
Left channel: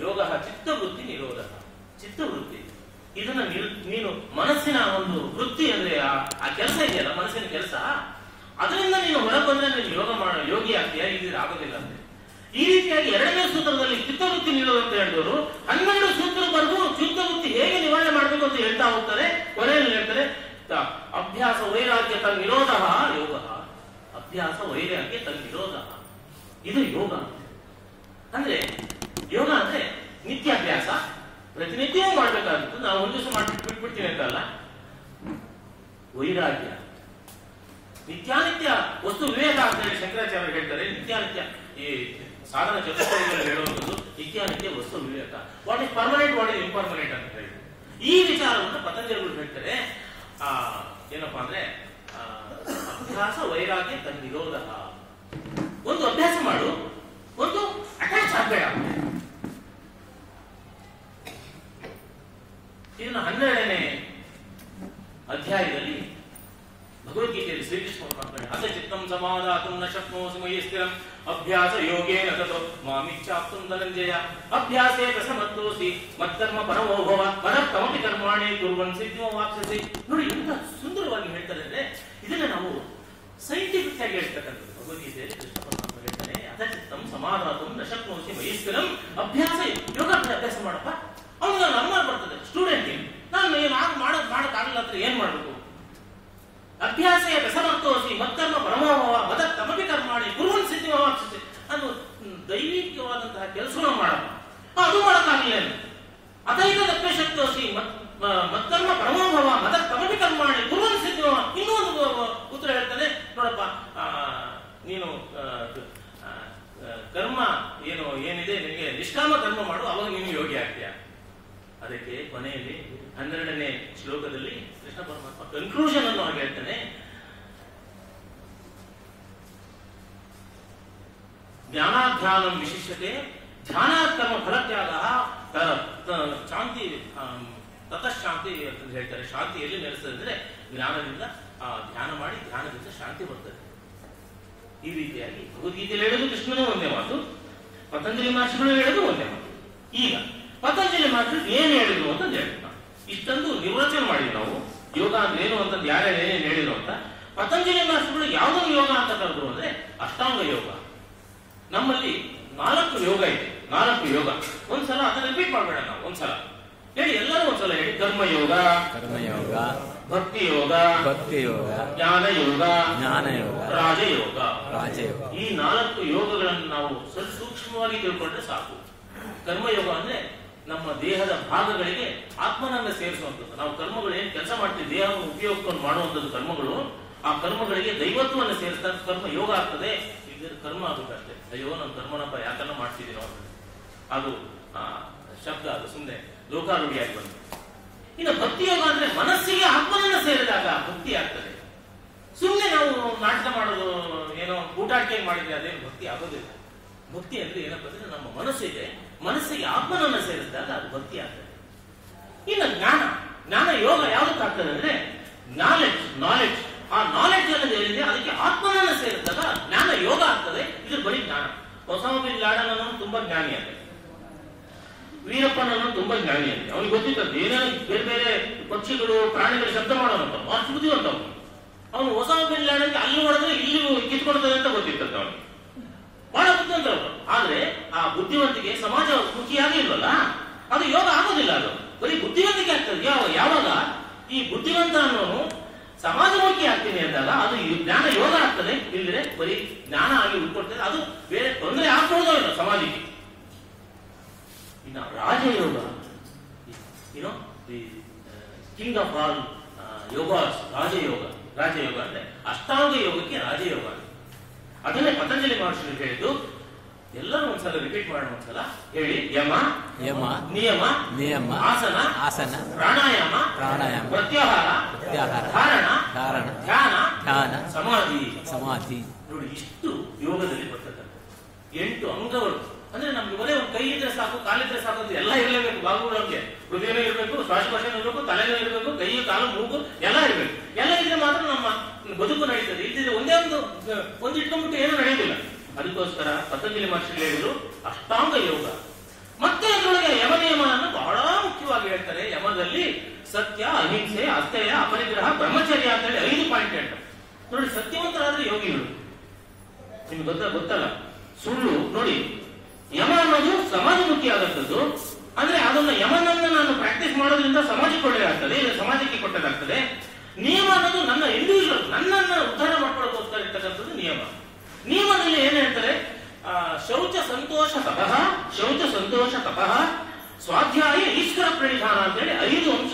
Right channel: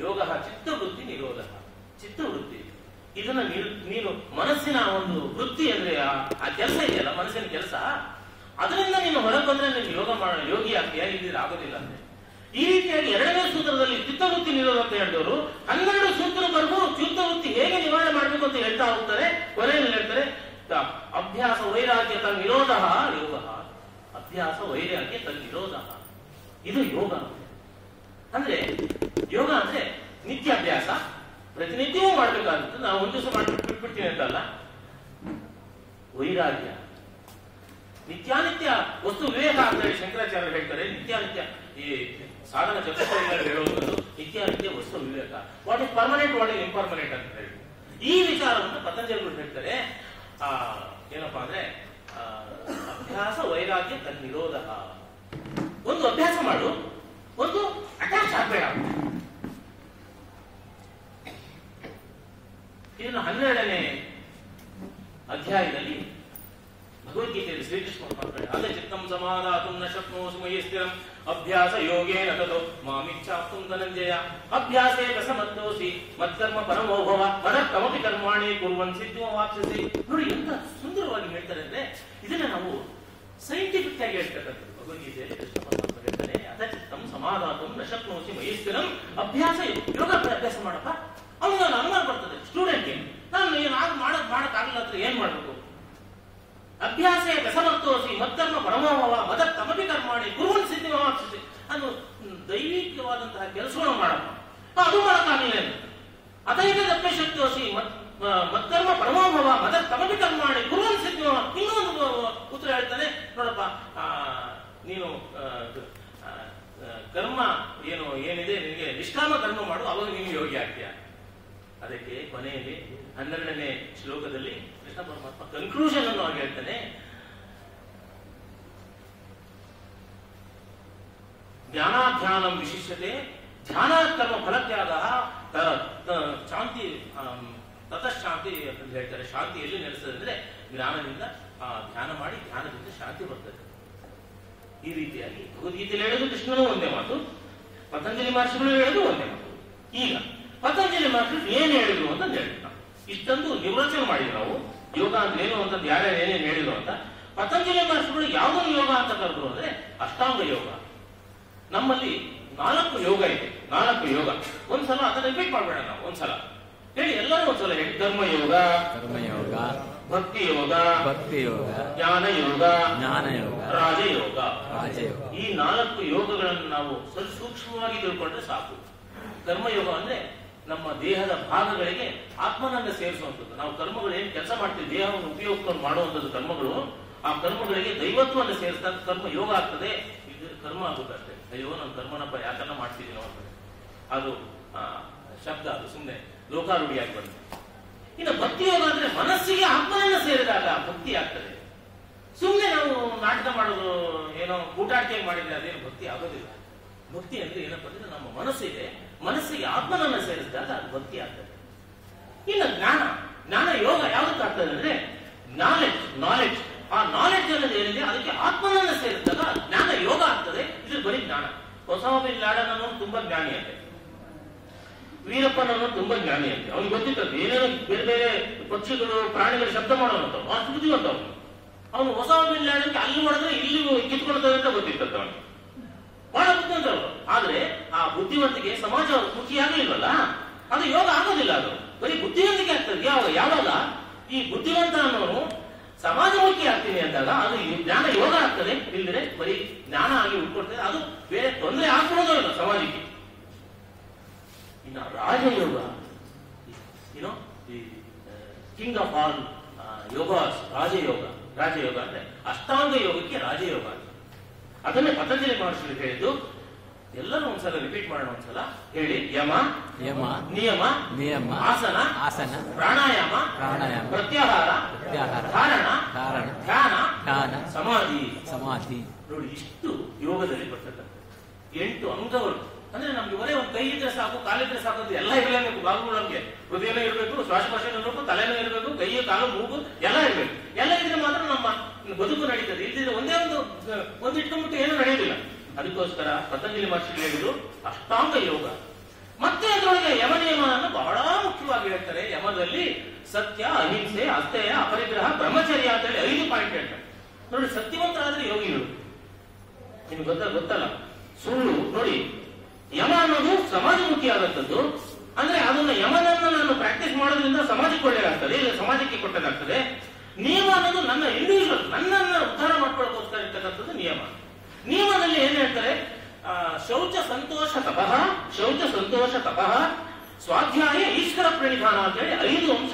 ಯೋಗ ಚಿತ್ತವೃತ್ತಿ ನಿರೋಧ. ಚಿತ್ತವೃತ್ತಿ ಇದನ್ನ ನೀನು ಮನಸ್ಸಿನ ಒಂದು ವೃತ್ತಿ ಅಂದ್ರೆ ಆ ಕೆಲಸ ಇದೆಯಲ್ಲ, ಮನಸ್ಸಿನ ಕೆಲಸ, ಅದರಿಂದ ನೀನು ಹೊರಗೆ ಬಂದ್ರೆ ನೀನು ಯೋಗಿ ಆಗ್ತೀಯಾ, ಇಲ್ಲಿ ಆಗೋದಿಲ್ಲ ಅಂದ್ರೆ. ಈ ರೀತಿಯಾಗಿ 2ನೇ ಸೂತ್ರದಲ್ಲಿ ಚಿತ್ತವೃತ್ತಿ ನಿರೋಧ ಅಂತ ಹೇಳಿದವರು 12 ಸೂತ್ರವರೆಗೂ ಚಿತ್ತವೃತ್ತಿ ಹೇಗೆ ನಿವಾರಣೆ ಮಾಡಬೇಕು ಅಂತ ಹೇಳ್ತಾ ಹೋಗ್ತಾರೆ. ಕೊನೆಯಲ್ಲಿ ಹೇಳ್ತಾರೆ ಅಭ್ಯಾಸ ವೈರಾಗ್ಯ ತನ್ ನಿರೋಧ ಯೋಗ. ಅಭ್ಯಾಸ ವೈರಾಗ್ಯ ತನ್ ನಿರೋಧ, ಇದು ಯೋಗ. ಅಂದ್ರೆ ಯೋಗ ಅಂದ್ರೆ ನಿತ್ಯಾಭ್ಯಾಸ, ಪ್ರತಿನಿತ್ಯವೂ ಮಾಡ್ಬೇಕಾಗಿತ್ತು. ನಾವು ಒಂದು ದಿವಸ ಮಾಡ್ಬಿಟ್ಟು ಬಿಟ್ಬಿಡ್ತೀನಿ ಅಂತಲ್ಲ. ವೈರಾಗ್ಯ, ನಿತ್ಯಾನಿತ್ಯ ವಸ್ತು ವಿವೇಕ ಅಂತ ಹೇಳಿ ಶಂಕರಾಚಾರ್ಯ ಹೇಳ್ತಾರೆ. ನಿತ್ಯಾನಿತ್ಯ ಈ ಸಾಧನ ಚತುಷ್ಟಯದಲ್ಲಿ ಹೇಳುವಂಥದ್ದು ನಿತ್ಯಾನಿತ್ಯ ವಸ್ತು ವಿವೇಕ. What is permanent, what is impermanent ಅಂತ ಹೇಳಿ ಈ ವಿಚಾರವನ್ನು ಪತಂಜಲಿಗಳು ಹೇಳ್ತಾರೆ. ಏನಪ್ಪಾ ಅಂದ್ರೆ ಅಭ್ಯಾಸ ವೈರಾಗ್ಯ ತನ್ ನಿರೋಧ. ಒಂದು ಅಭ್ಯಾಸ ಮಾಡು, ಒಂದು ಅಟ್ಯಾಚ್ ಆಗಬೇಡ. ಇನ್ನು 12ನೇ ಅಧ್ಯಾಯದಲ್ಲಿ ಭಗವದ್ಗೀತೆಯಲ್ಲಿ ಶ್ರೀಕೃಷ್ಣ ಮಾಡ್ತಾರೆ, ಅದ ಚಿತ್ತಂ ಸಮಾಧಾತುಂ ನ ಶಕ್ನೋಸಿ ಮಯಿ ಸ್ಥಿರಂ ಅಭ್ಯಾಸ ಯೋಗೇನ ತತೋ ಮಾಮಿಚ್ಛಾಪ್ತುಂ ಧನಂಜಯ ಅಭ್ಯಾಸೇ ಪ್ರಸಮತ್ತೋಸಿ ಮತ್ಕರ್ಮ ಪರಮೋ ಭವ ಮದತ್ತಮಪಿ ಕರ್ಮಾಣಿ ಕುರ್ವನ್ ಸಿದ್ಧಿಮವಾಪ್ಸ್ಯಸಿ. ನೋಡಿ ಎಂತ ಸುಂದರವಾಗಿ ಹೇಳ್ತಾರೆ ಅಂದ್ರೆ, ಇದನ್ನ ನಾವು ಸೈಂಟಿಫಿಕ್ ಆಗಿ ಹೇಳ್ತಕ್ಕಂಥದ್ದು. ಭಗವದ್ಗೀತೆಯಲ್ಲಿ ಕೃಷ್ಣ ಪರಮಾತ್ಮ ಹೇಳ್ತಾನೆ, ಅದ ಚಿತ್ತಂ ಸಮಾಧಾತುಂ ನ ಶಕ್ನೋಸಿ ಮಯಿ ಸ್ಥಿರಂ ಅಭ್ಯಾಸ ಯೋಗ ಅಭ್ಯಾಸ ಮಾಡಪ್ಪ. ಅವನು ನಾನು ಅನುಮಾನ ಬರ್ತದೆ ಸ್ಟೂಡೆಂಟ್, ನಾನು ಮಾಡಕ್ಕಾಗಲ್ಲ ಅಂದ್ರೆ ಏನ್ ಮಾಡ್ಬೇಕು? ಅಭ್ಯಾಸ ರಸಮರ್ತೋಸಿ ಮತ್ತರ್ಮ ಪರಮೋಭವ ಮದತ್ತಮಪಿ ಕರ್ಮಾಣಿ ಕುರ್ವನ್ ಸಿದ್ಧಿಮವಾಪ್ಸ್ಯಸಿ. ಅದು ದೈವಿಕವಾದಂತಹ ಕೆಲಸವನ್ನು ಮಾಡಪ್ಪ, ಅದು ಮಾಡಕ್ಕಾಗಲಿಲ್ಲ. ಅಥೈತದಪ್ಯ ಶಕ್ತೋಸಿ ಮತ್ತರ್ಮ ಪರಮೋಭವ ಮದತ್ತಮಪಿ ಕರ್ಮಾಣಿ ಕುರ್ವನ್ ಸಿದ್ಧಿಮವ. ಇನ್ನೊಂದು ಉತ್ತರ ಹೇಳ್ತಾನೆ, ನೋಡಪ್ಪ ನೀನು ಕರ್ಮ ಏನಿದೆ ನಿನಗೆ ನಿಷ್ಕಾಮ ಕರ್ಮ ಮಾಡು, ಅವಾಗ ನೀನು ಯೋಗಿ ಆಗ್ತೀಯ. ಅದಕ್ಕೆ ಕೊನೆಯಲ್ಲಿ 12ನೇ ಶ್ಲೋಕದಲ್ಲಿ ಕೃಷ್ಣ ಪರಮಾತ್ಮ ಕನ್ಕ್ಲೂಷನ್ ಅನ್ನು ಆಗಿ ಹೇಳ್ತಾನೆ, ಜ್ಞಾನಾಧ್ಯಾನಂ ವಿಶಿಷ್ಯತೆ ಧ್ಯಾನ ಕರ್ಮ ಫಲತ್ಯಾಗ ಶಾಂತಿ ತತಃಶಾಂತಿ ಅಂತ ಹೇಳ್ತಾರೆ. ಶಾಂತಿ ಎಲ್ಲಿ ನೆಲೆಸ್ತದೆ ಅಂದ್ರೆ ಜ್ಞಾನದಿಂದ ಧ್ಯಾನ ಮಾಡಿ, ಧ್ಯಾನದಿಂದ ಶಾಂತಿ ಬರ್ತದೆ. ಈ ರೀತಿಯಾಗಿ ಭಗವದ್ಗೀತೆಯಲ್ಲಿ ಹೇಳೋದು ಕೃಷ್ಣನೂ ಒಂದೇ ಮಾತು, ಪತಂಜಲಿ ಮಹರ್ಷಿಗಳು ಹೇಳೋದು ಒಂದೇ ಮಾತು. ಈಗ ಪತಂಜಲಿ ಮಾಸ್ಟರ್ ಏನ್ ಹೇಳಿದ್ರು ಅಂತ ಹೇಳ್ತಾರೆ. ಇಷ್ಟೊಂದು ನಿರ್ವಚನೆ ಮಾಡಿದ್ರು ನಾವು. ಯೋಗ ಅಂದ್ರೆ ಏನು ಅಂತಂದು ಯಾರ್ಯಾರು ಏನೇನು ಹೇಳಿದ್ರು ಅಂತ. ಪತಂಜಲಿ ಮಾಸ್ಟರ್ಗಳು ಯಾವುದೊಂದು ಯೋಗ ಅಂತ ಕರೆದ್ರು ಅಂದ್ರೆ ಅಷ್ಟಾಂಗ ಯೋಗ. ನಮ್ಮಲ್ಲಿ 4 ಯೋಗ ಇದೆ, 4 ಯೋಗ. ಒಂದ್ಸಲ ಅದನ್ನ ರಿಪೀಟ್ ಮಾಡಬೇಡ ನಾವು, ಒಂದ್ಸಲ ಹೇಳಿ, ಎಲ್ಲರೂ ಒಂದ್ಸಲ ಹೇಳಿ. ಕರ್ಮಯೋಗ, ಕರ್ಮಯೋಗ, ಭಕ್ತಿ ಯೋಗ, ಭಕ್ತಿ ಯೋಗ, ಜ್ಞಾನ ಯೋಗ, ಜ್ಞಾನ ಯೋಗ, ರಾಜಯೋಗ. ರಾಜಯೋಗ. ಈ 4 ಯೋಗಗಳನ್ನು ನಾವು ಸೂಕ್ಷ್ಮವಾಗಿ ತಿಳ್ಕೊಂಡ್ರೆ ಸಾಕು. ಕರ್ಮಯೋಗ ಅಂದ್ರೆ ನಮ್ಮ ದೇಹದ ಭಾಗಗಳಿಗೆ ಆತ್ಮನನ್ನ ಸೇರಿಸುವಂಥದ್ದು. ನಾವು ಕರ್ಮಗಳು ಏನ್ ಕೆಲಸ ಮಾಡ್ತೀವಿ, ದೇಹವನ್ನು ಉಪಯೋಗಿಸ್ಕೊಂಡು ಮಾಡುವಂಥದ್ದು ಕರ್ಮಗಳು. ಆ ಕರ್ಮಗಳಿಗೆ ದೈವತ್ವವನ್ನು ಸೇರಿಸಿದ ಕರ್ಮ ಯೋಗ ಆಗ್ತದೆ. ಇದು ಕರ್ಮ ಆಗುತ್ತಷ್ಟೇ. ಅಯ್ಯೋ ನಮ್ಮ ಕರ್ಮನಪ್ಪ ಯಾಕೆಲ್ಲ ಮಾಡ್ತಿದೀವಿ ನಾವು, ಅದು ಶಬ್ದ, ಅದು ಸುಮ್ಮನೆ ಲೋಕಾರೂಢಿಯಾಗಿ ಬಂತು. ಇನ್ನು ಭಕ್ತಿ ಯೋಗ ಅಂದ್ರೆ ಮನಸ್ಸಿಗೆ ಆತ್ಮನನ್ನ ಸೇರಿದಾಗ ಭಕ್ತಿ ಆಗ್ತದೆ. ಸುಮ್ಮನೆ ನಾವು ನಾಟಕ ಮಾಡೋದು, ಏನೋ ಊಟಾಟಿಕೆ ಮಾಡಿದ್ರೆ ಅದೇನು ಭಕ್ತಿ ಆಗೋದಿಲ್ಲ. ಭಕ್ತಿ ಅಂದ್ರೆ ಏನಪ್ಪ ಅಂದ್ರೆ ನಮ್ಮ ಮನಸ್ಸಿದೆ, ಮನಸ್ಸಿಗೆ ಆತ್ಮನನ್ನ ಸೇರಿಸಿದಾಗ ಅದು ಭಕ್ತಿ ಆಗ್ತದೆ. ಇನ್ನು ಜ್ಞಾನ ಯೋಗ ಯಾವ್ದಕ್ಕಾಗ್ತದೆ ಅಂದ್ರೆ ನಾಲೆಡ್ಜ್. ಆ ನಾಲೆಡ್ಜ್ ಅನ್ನೋದು ಏನಿದೆ ಅದಕ್ಕೆ ಆತ್ಮನನ್ನ ಸೇರಿಸಿದಾಗ ಜ್ಞಾನ ಯೋಗ ಆಗ್ತದೆ. ಇದು ಬರೀ ಜ್ಞಾನ. ಒಸಾಮಾ ಬಿನ್ ಲಾಡೆನ್ ಅನ್ನೋನು ತುಂಬಾ ಜ್ಞಾನಿ ಅಂತೆ, ವೀರಪ್ಪನನ್ನು ತುಂಬಾ ಜ್ಞಾನಿ ಅಂತೆ. ಅವ್ನಿಗೆ ಗೊತ್ತಿರ್ತದೆ ಏನೇನೋ ಬೇರೆ ಬೇರೆ ಪಕ್ಷಿಗಳು ಪ್ರಾಣಿಗಳು ಶಬ್ದ ಮಾಡೋವಂತ ಅಷ್ಟು ಬುದ್ಧಿವಂತವನು. ಅವನು ಒಸಾಮಾ ಬಿನ್ ಲಾಡೆನ್ಗೆ ಅಲ್ಲಿ ಹೊಡೆದ್ರೆ ಇಲ್ಲಿ ಕಿತ್ಕೊಳ್ತದೆ ಅಂತ ಗೊತ್ತಿರ್ತದೆ ಅವನು. ಬಹಳ ಬುದ್ಧಿವಂತರು. ಆದ್ರೆ ಆ ಬುದ್ಧಿವಂತಿಕೆ ಸಮಾಜ ಮುಖಿಯಾಗಿ ಇಲ್ವಲ್ಲ, ಅದು ಯೋಗ ಆಗೋದಿಲ್ಲ. ಅದು ಬರೀ ಬುದ್ಧಿವಂತಿಕೆ ಆಗ್ತದೆ. ಯಾವಾಗ ಈ ಬುದ್ಧಿವಂತ ಅನ್ನೋನು ಸಮಾಜಮುಖಿ ಆಗ್ತೀನಿ ಅಂದಾಗ ಅದು ಜ್ಞಾನ ಯೋಗ ಆಗ್ತದೆ. ಇಲ್ಲದ್ರೆ ಬರೀ ಜ್ಞಾನ ಆಗಿ ಉಳ್ಕೊಳ್ತದೆ. ಅದು ಬೇರೆ ತೊಂದರೆ ಆಗ್ಬಹುದೋ ಇಲ್ಲ ಸಮಾಜಕ್ಕೆ. ಇನ್ನು ರಾಜಯೋಗ, ದಿ ಕಿಂಗ್ ಆಫ್ ಆಲ್ ಯೋಗಾಸ್, ರಾಜಯೋಗ ಅಂದ್ರೆ ಅಷ್ಟಾಂಗ ಯೋಗಕ್ಕೆ ರಾಜಯೋಗ. ಅದನ್ನೇ ಪತಂಜಲಿ ಮಹರ್ಷಿಗಳು ಹೇಳಿದ್ದು. ಎಲ್ಲರೂ ಒಂದ್ಸಲ ರಿಪೀಟ್ ಮಾಡೋಣ, ಒಂದ್ಸಲ ಹೇಳಿ. ಯಮ, ನಿಯಮ, ಆಸನ, ಪ್ರಾಣಾಯಾಮ, ಪ್ರತ್ಯಾಹಾರ, ಧ್ಯಾನ, ಸಮಾಧಿ. ನೋಡಿ, ಇಷ್ಟು ಯೋಗದಲ್ಲಿ ಬರ್ತಕ್ಕಂಥ 8 ಅಂಗಗಳು. ಅಂದ್ರೆ ನಮ್ಗೆ ಬರೀ ಒಂದು ಕೈ ಇದ್ರೆ ಸಾಕು, ಕಾಲಿದ್ರೆ ಸಾಕು ಅಂತ ಎಲ್ಲ ಇರಲೇಬೇಕು. ಭಾಗಗಳು ನಮ್ಗೆ ಹೃದಯನೂ ಇರಬೇಕು, ಶ್ವಾಸಕೋಶ ಇರಬೇಕು, ತಲೆನೂ ಇರಬೇಕು, ಕೈ, ಕಾಲು, ಮೂಗು ಎಲ್ಲ ಇರಬೇಕು. ಎಲ್ಲ ಇದ್ರೆ ಮಾತ್ರ ನಮ್ಮ ಬದುಕು ನಡೀತದೆ. ಇಲ್ಲದಿದ್ರೆ ಒಂದೇ ಒಂದು ಇಟ್ಕೊಂಡ್ಬಿಟ್ಟು ಏನೂ ನಡೆಯೋದಿಲ್ಲ. ಅದಕ್ಕೋಸ್ಕರ ಪತಂಜಲಿ ಮಹರ್ಷಿಗಳು ಹೇಳಿದ್ರು ಅಷ್ಟಾಂಗ ಯೋಗ. ಮತ್ತೆ ಅದರೊಳಗೆ ಯಮ ನಿಯಮವನ್ನು ಬಹಳ ಮುಖ್ಯವಾಗಿ ಹೇಳ್ತಾರೆ. ಯಮದಲ್ಲಿ ಸತ್ಯ, ಅಹಿಂಸೆ, ಅಸ್ಥೇಯ, ಅಪರಿಗ್ರಹ, ಬ್ರಹ್ಮಚರ್ಯ ಅಂತ ಹೇಳಿ 5 ಪಾಯಿಂಟ್ ಹೇಳ್ತಾರೆ. ನೋಡಿ, ಸತ್ಯವಂತರಾದ್ರೆ ಯೋಗಿಗಳು. ನಿಮ್ಗೆ ಗೊತ್ತಲ್ಲ, ಸುಳ್ಳು. ನೋಡಿ, ಯಮ ಅನ್ನೋದು ಸಮಾಜಮುಖಿ ಆದಂಥದ್ದು. ಅಂದ್ರೆ ಅದನ್ನ ಯಮನನ್ನ ನಾನು ಪ್ರಾಕ್ಟೀಸ್ ಮಾಡೋದ್ರಿಂದ ಸಮಾಜಕ್ಕೆ ಒಳ್ಳೆಯದಾಗ್ತದೆ, ಇಲ್ಲ ಸಮಾಜಕ್ಕೆ ಕೊಟ್ಟದಾಗ್ತದೆ. ನಿಯಮ ಅನ್ನೋದು ನನ್ನ ಇಂಡಿವಿಜುವಲ್, ನನ್ನನ್ನ ಉದ್ಧಾರ ಮಾಡ್ಕೊಳ್ಳೋಕೋಸ್ಕರ ಇರ್ತಕ್ಕಂಥದ್ದು ನಿಯಮ. ನಿಯಮದಲ್ಲಿ ಏನ್ ಹೇಳ್ತಾರೆ? ಶೌಚ ಸಂತೋಷ ತಪಃ, ಸ್ವಾಧ್ಯಾಯ ಈಶ್ವರ ಪ್ರಣಿಧಾನ ಅಂತ ಹೇಳಿ 5 ಅಂಶ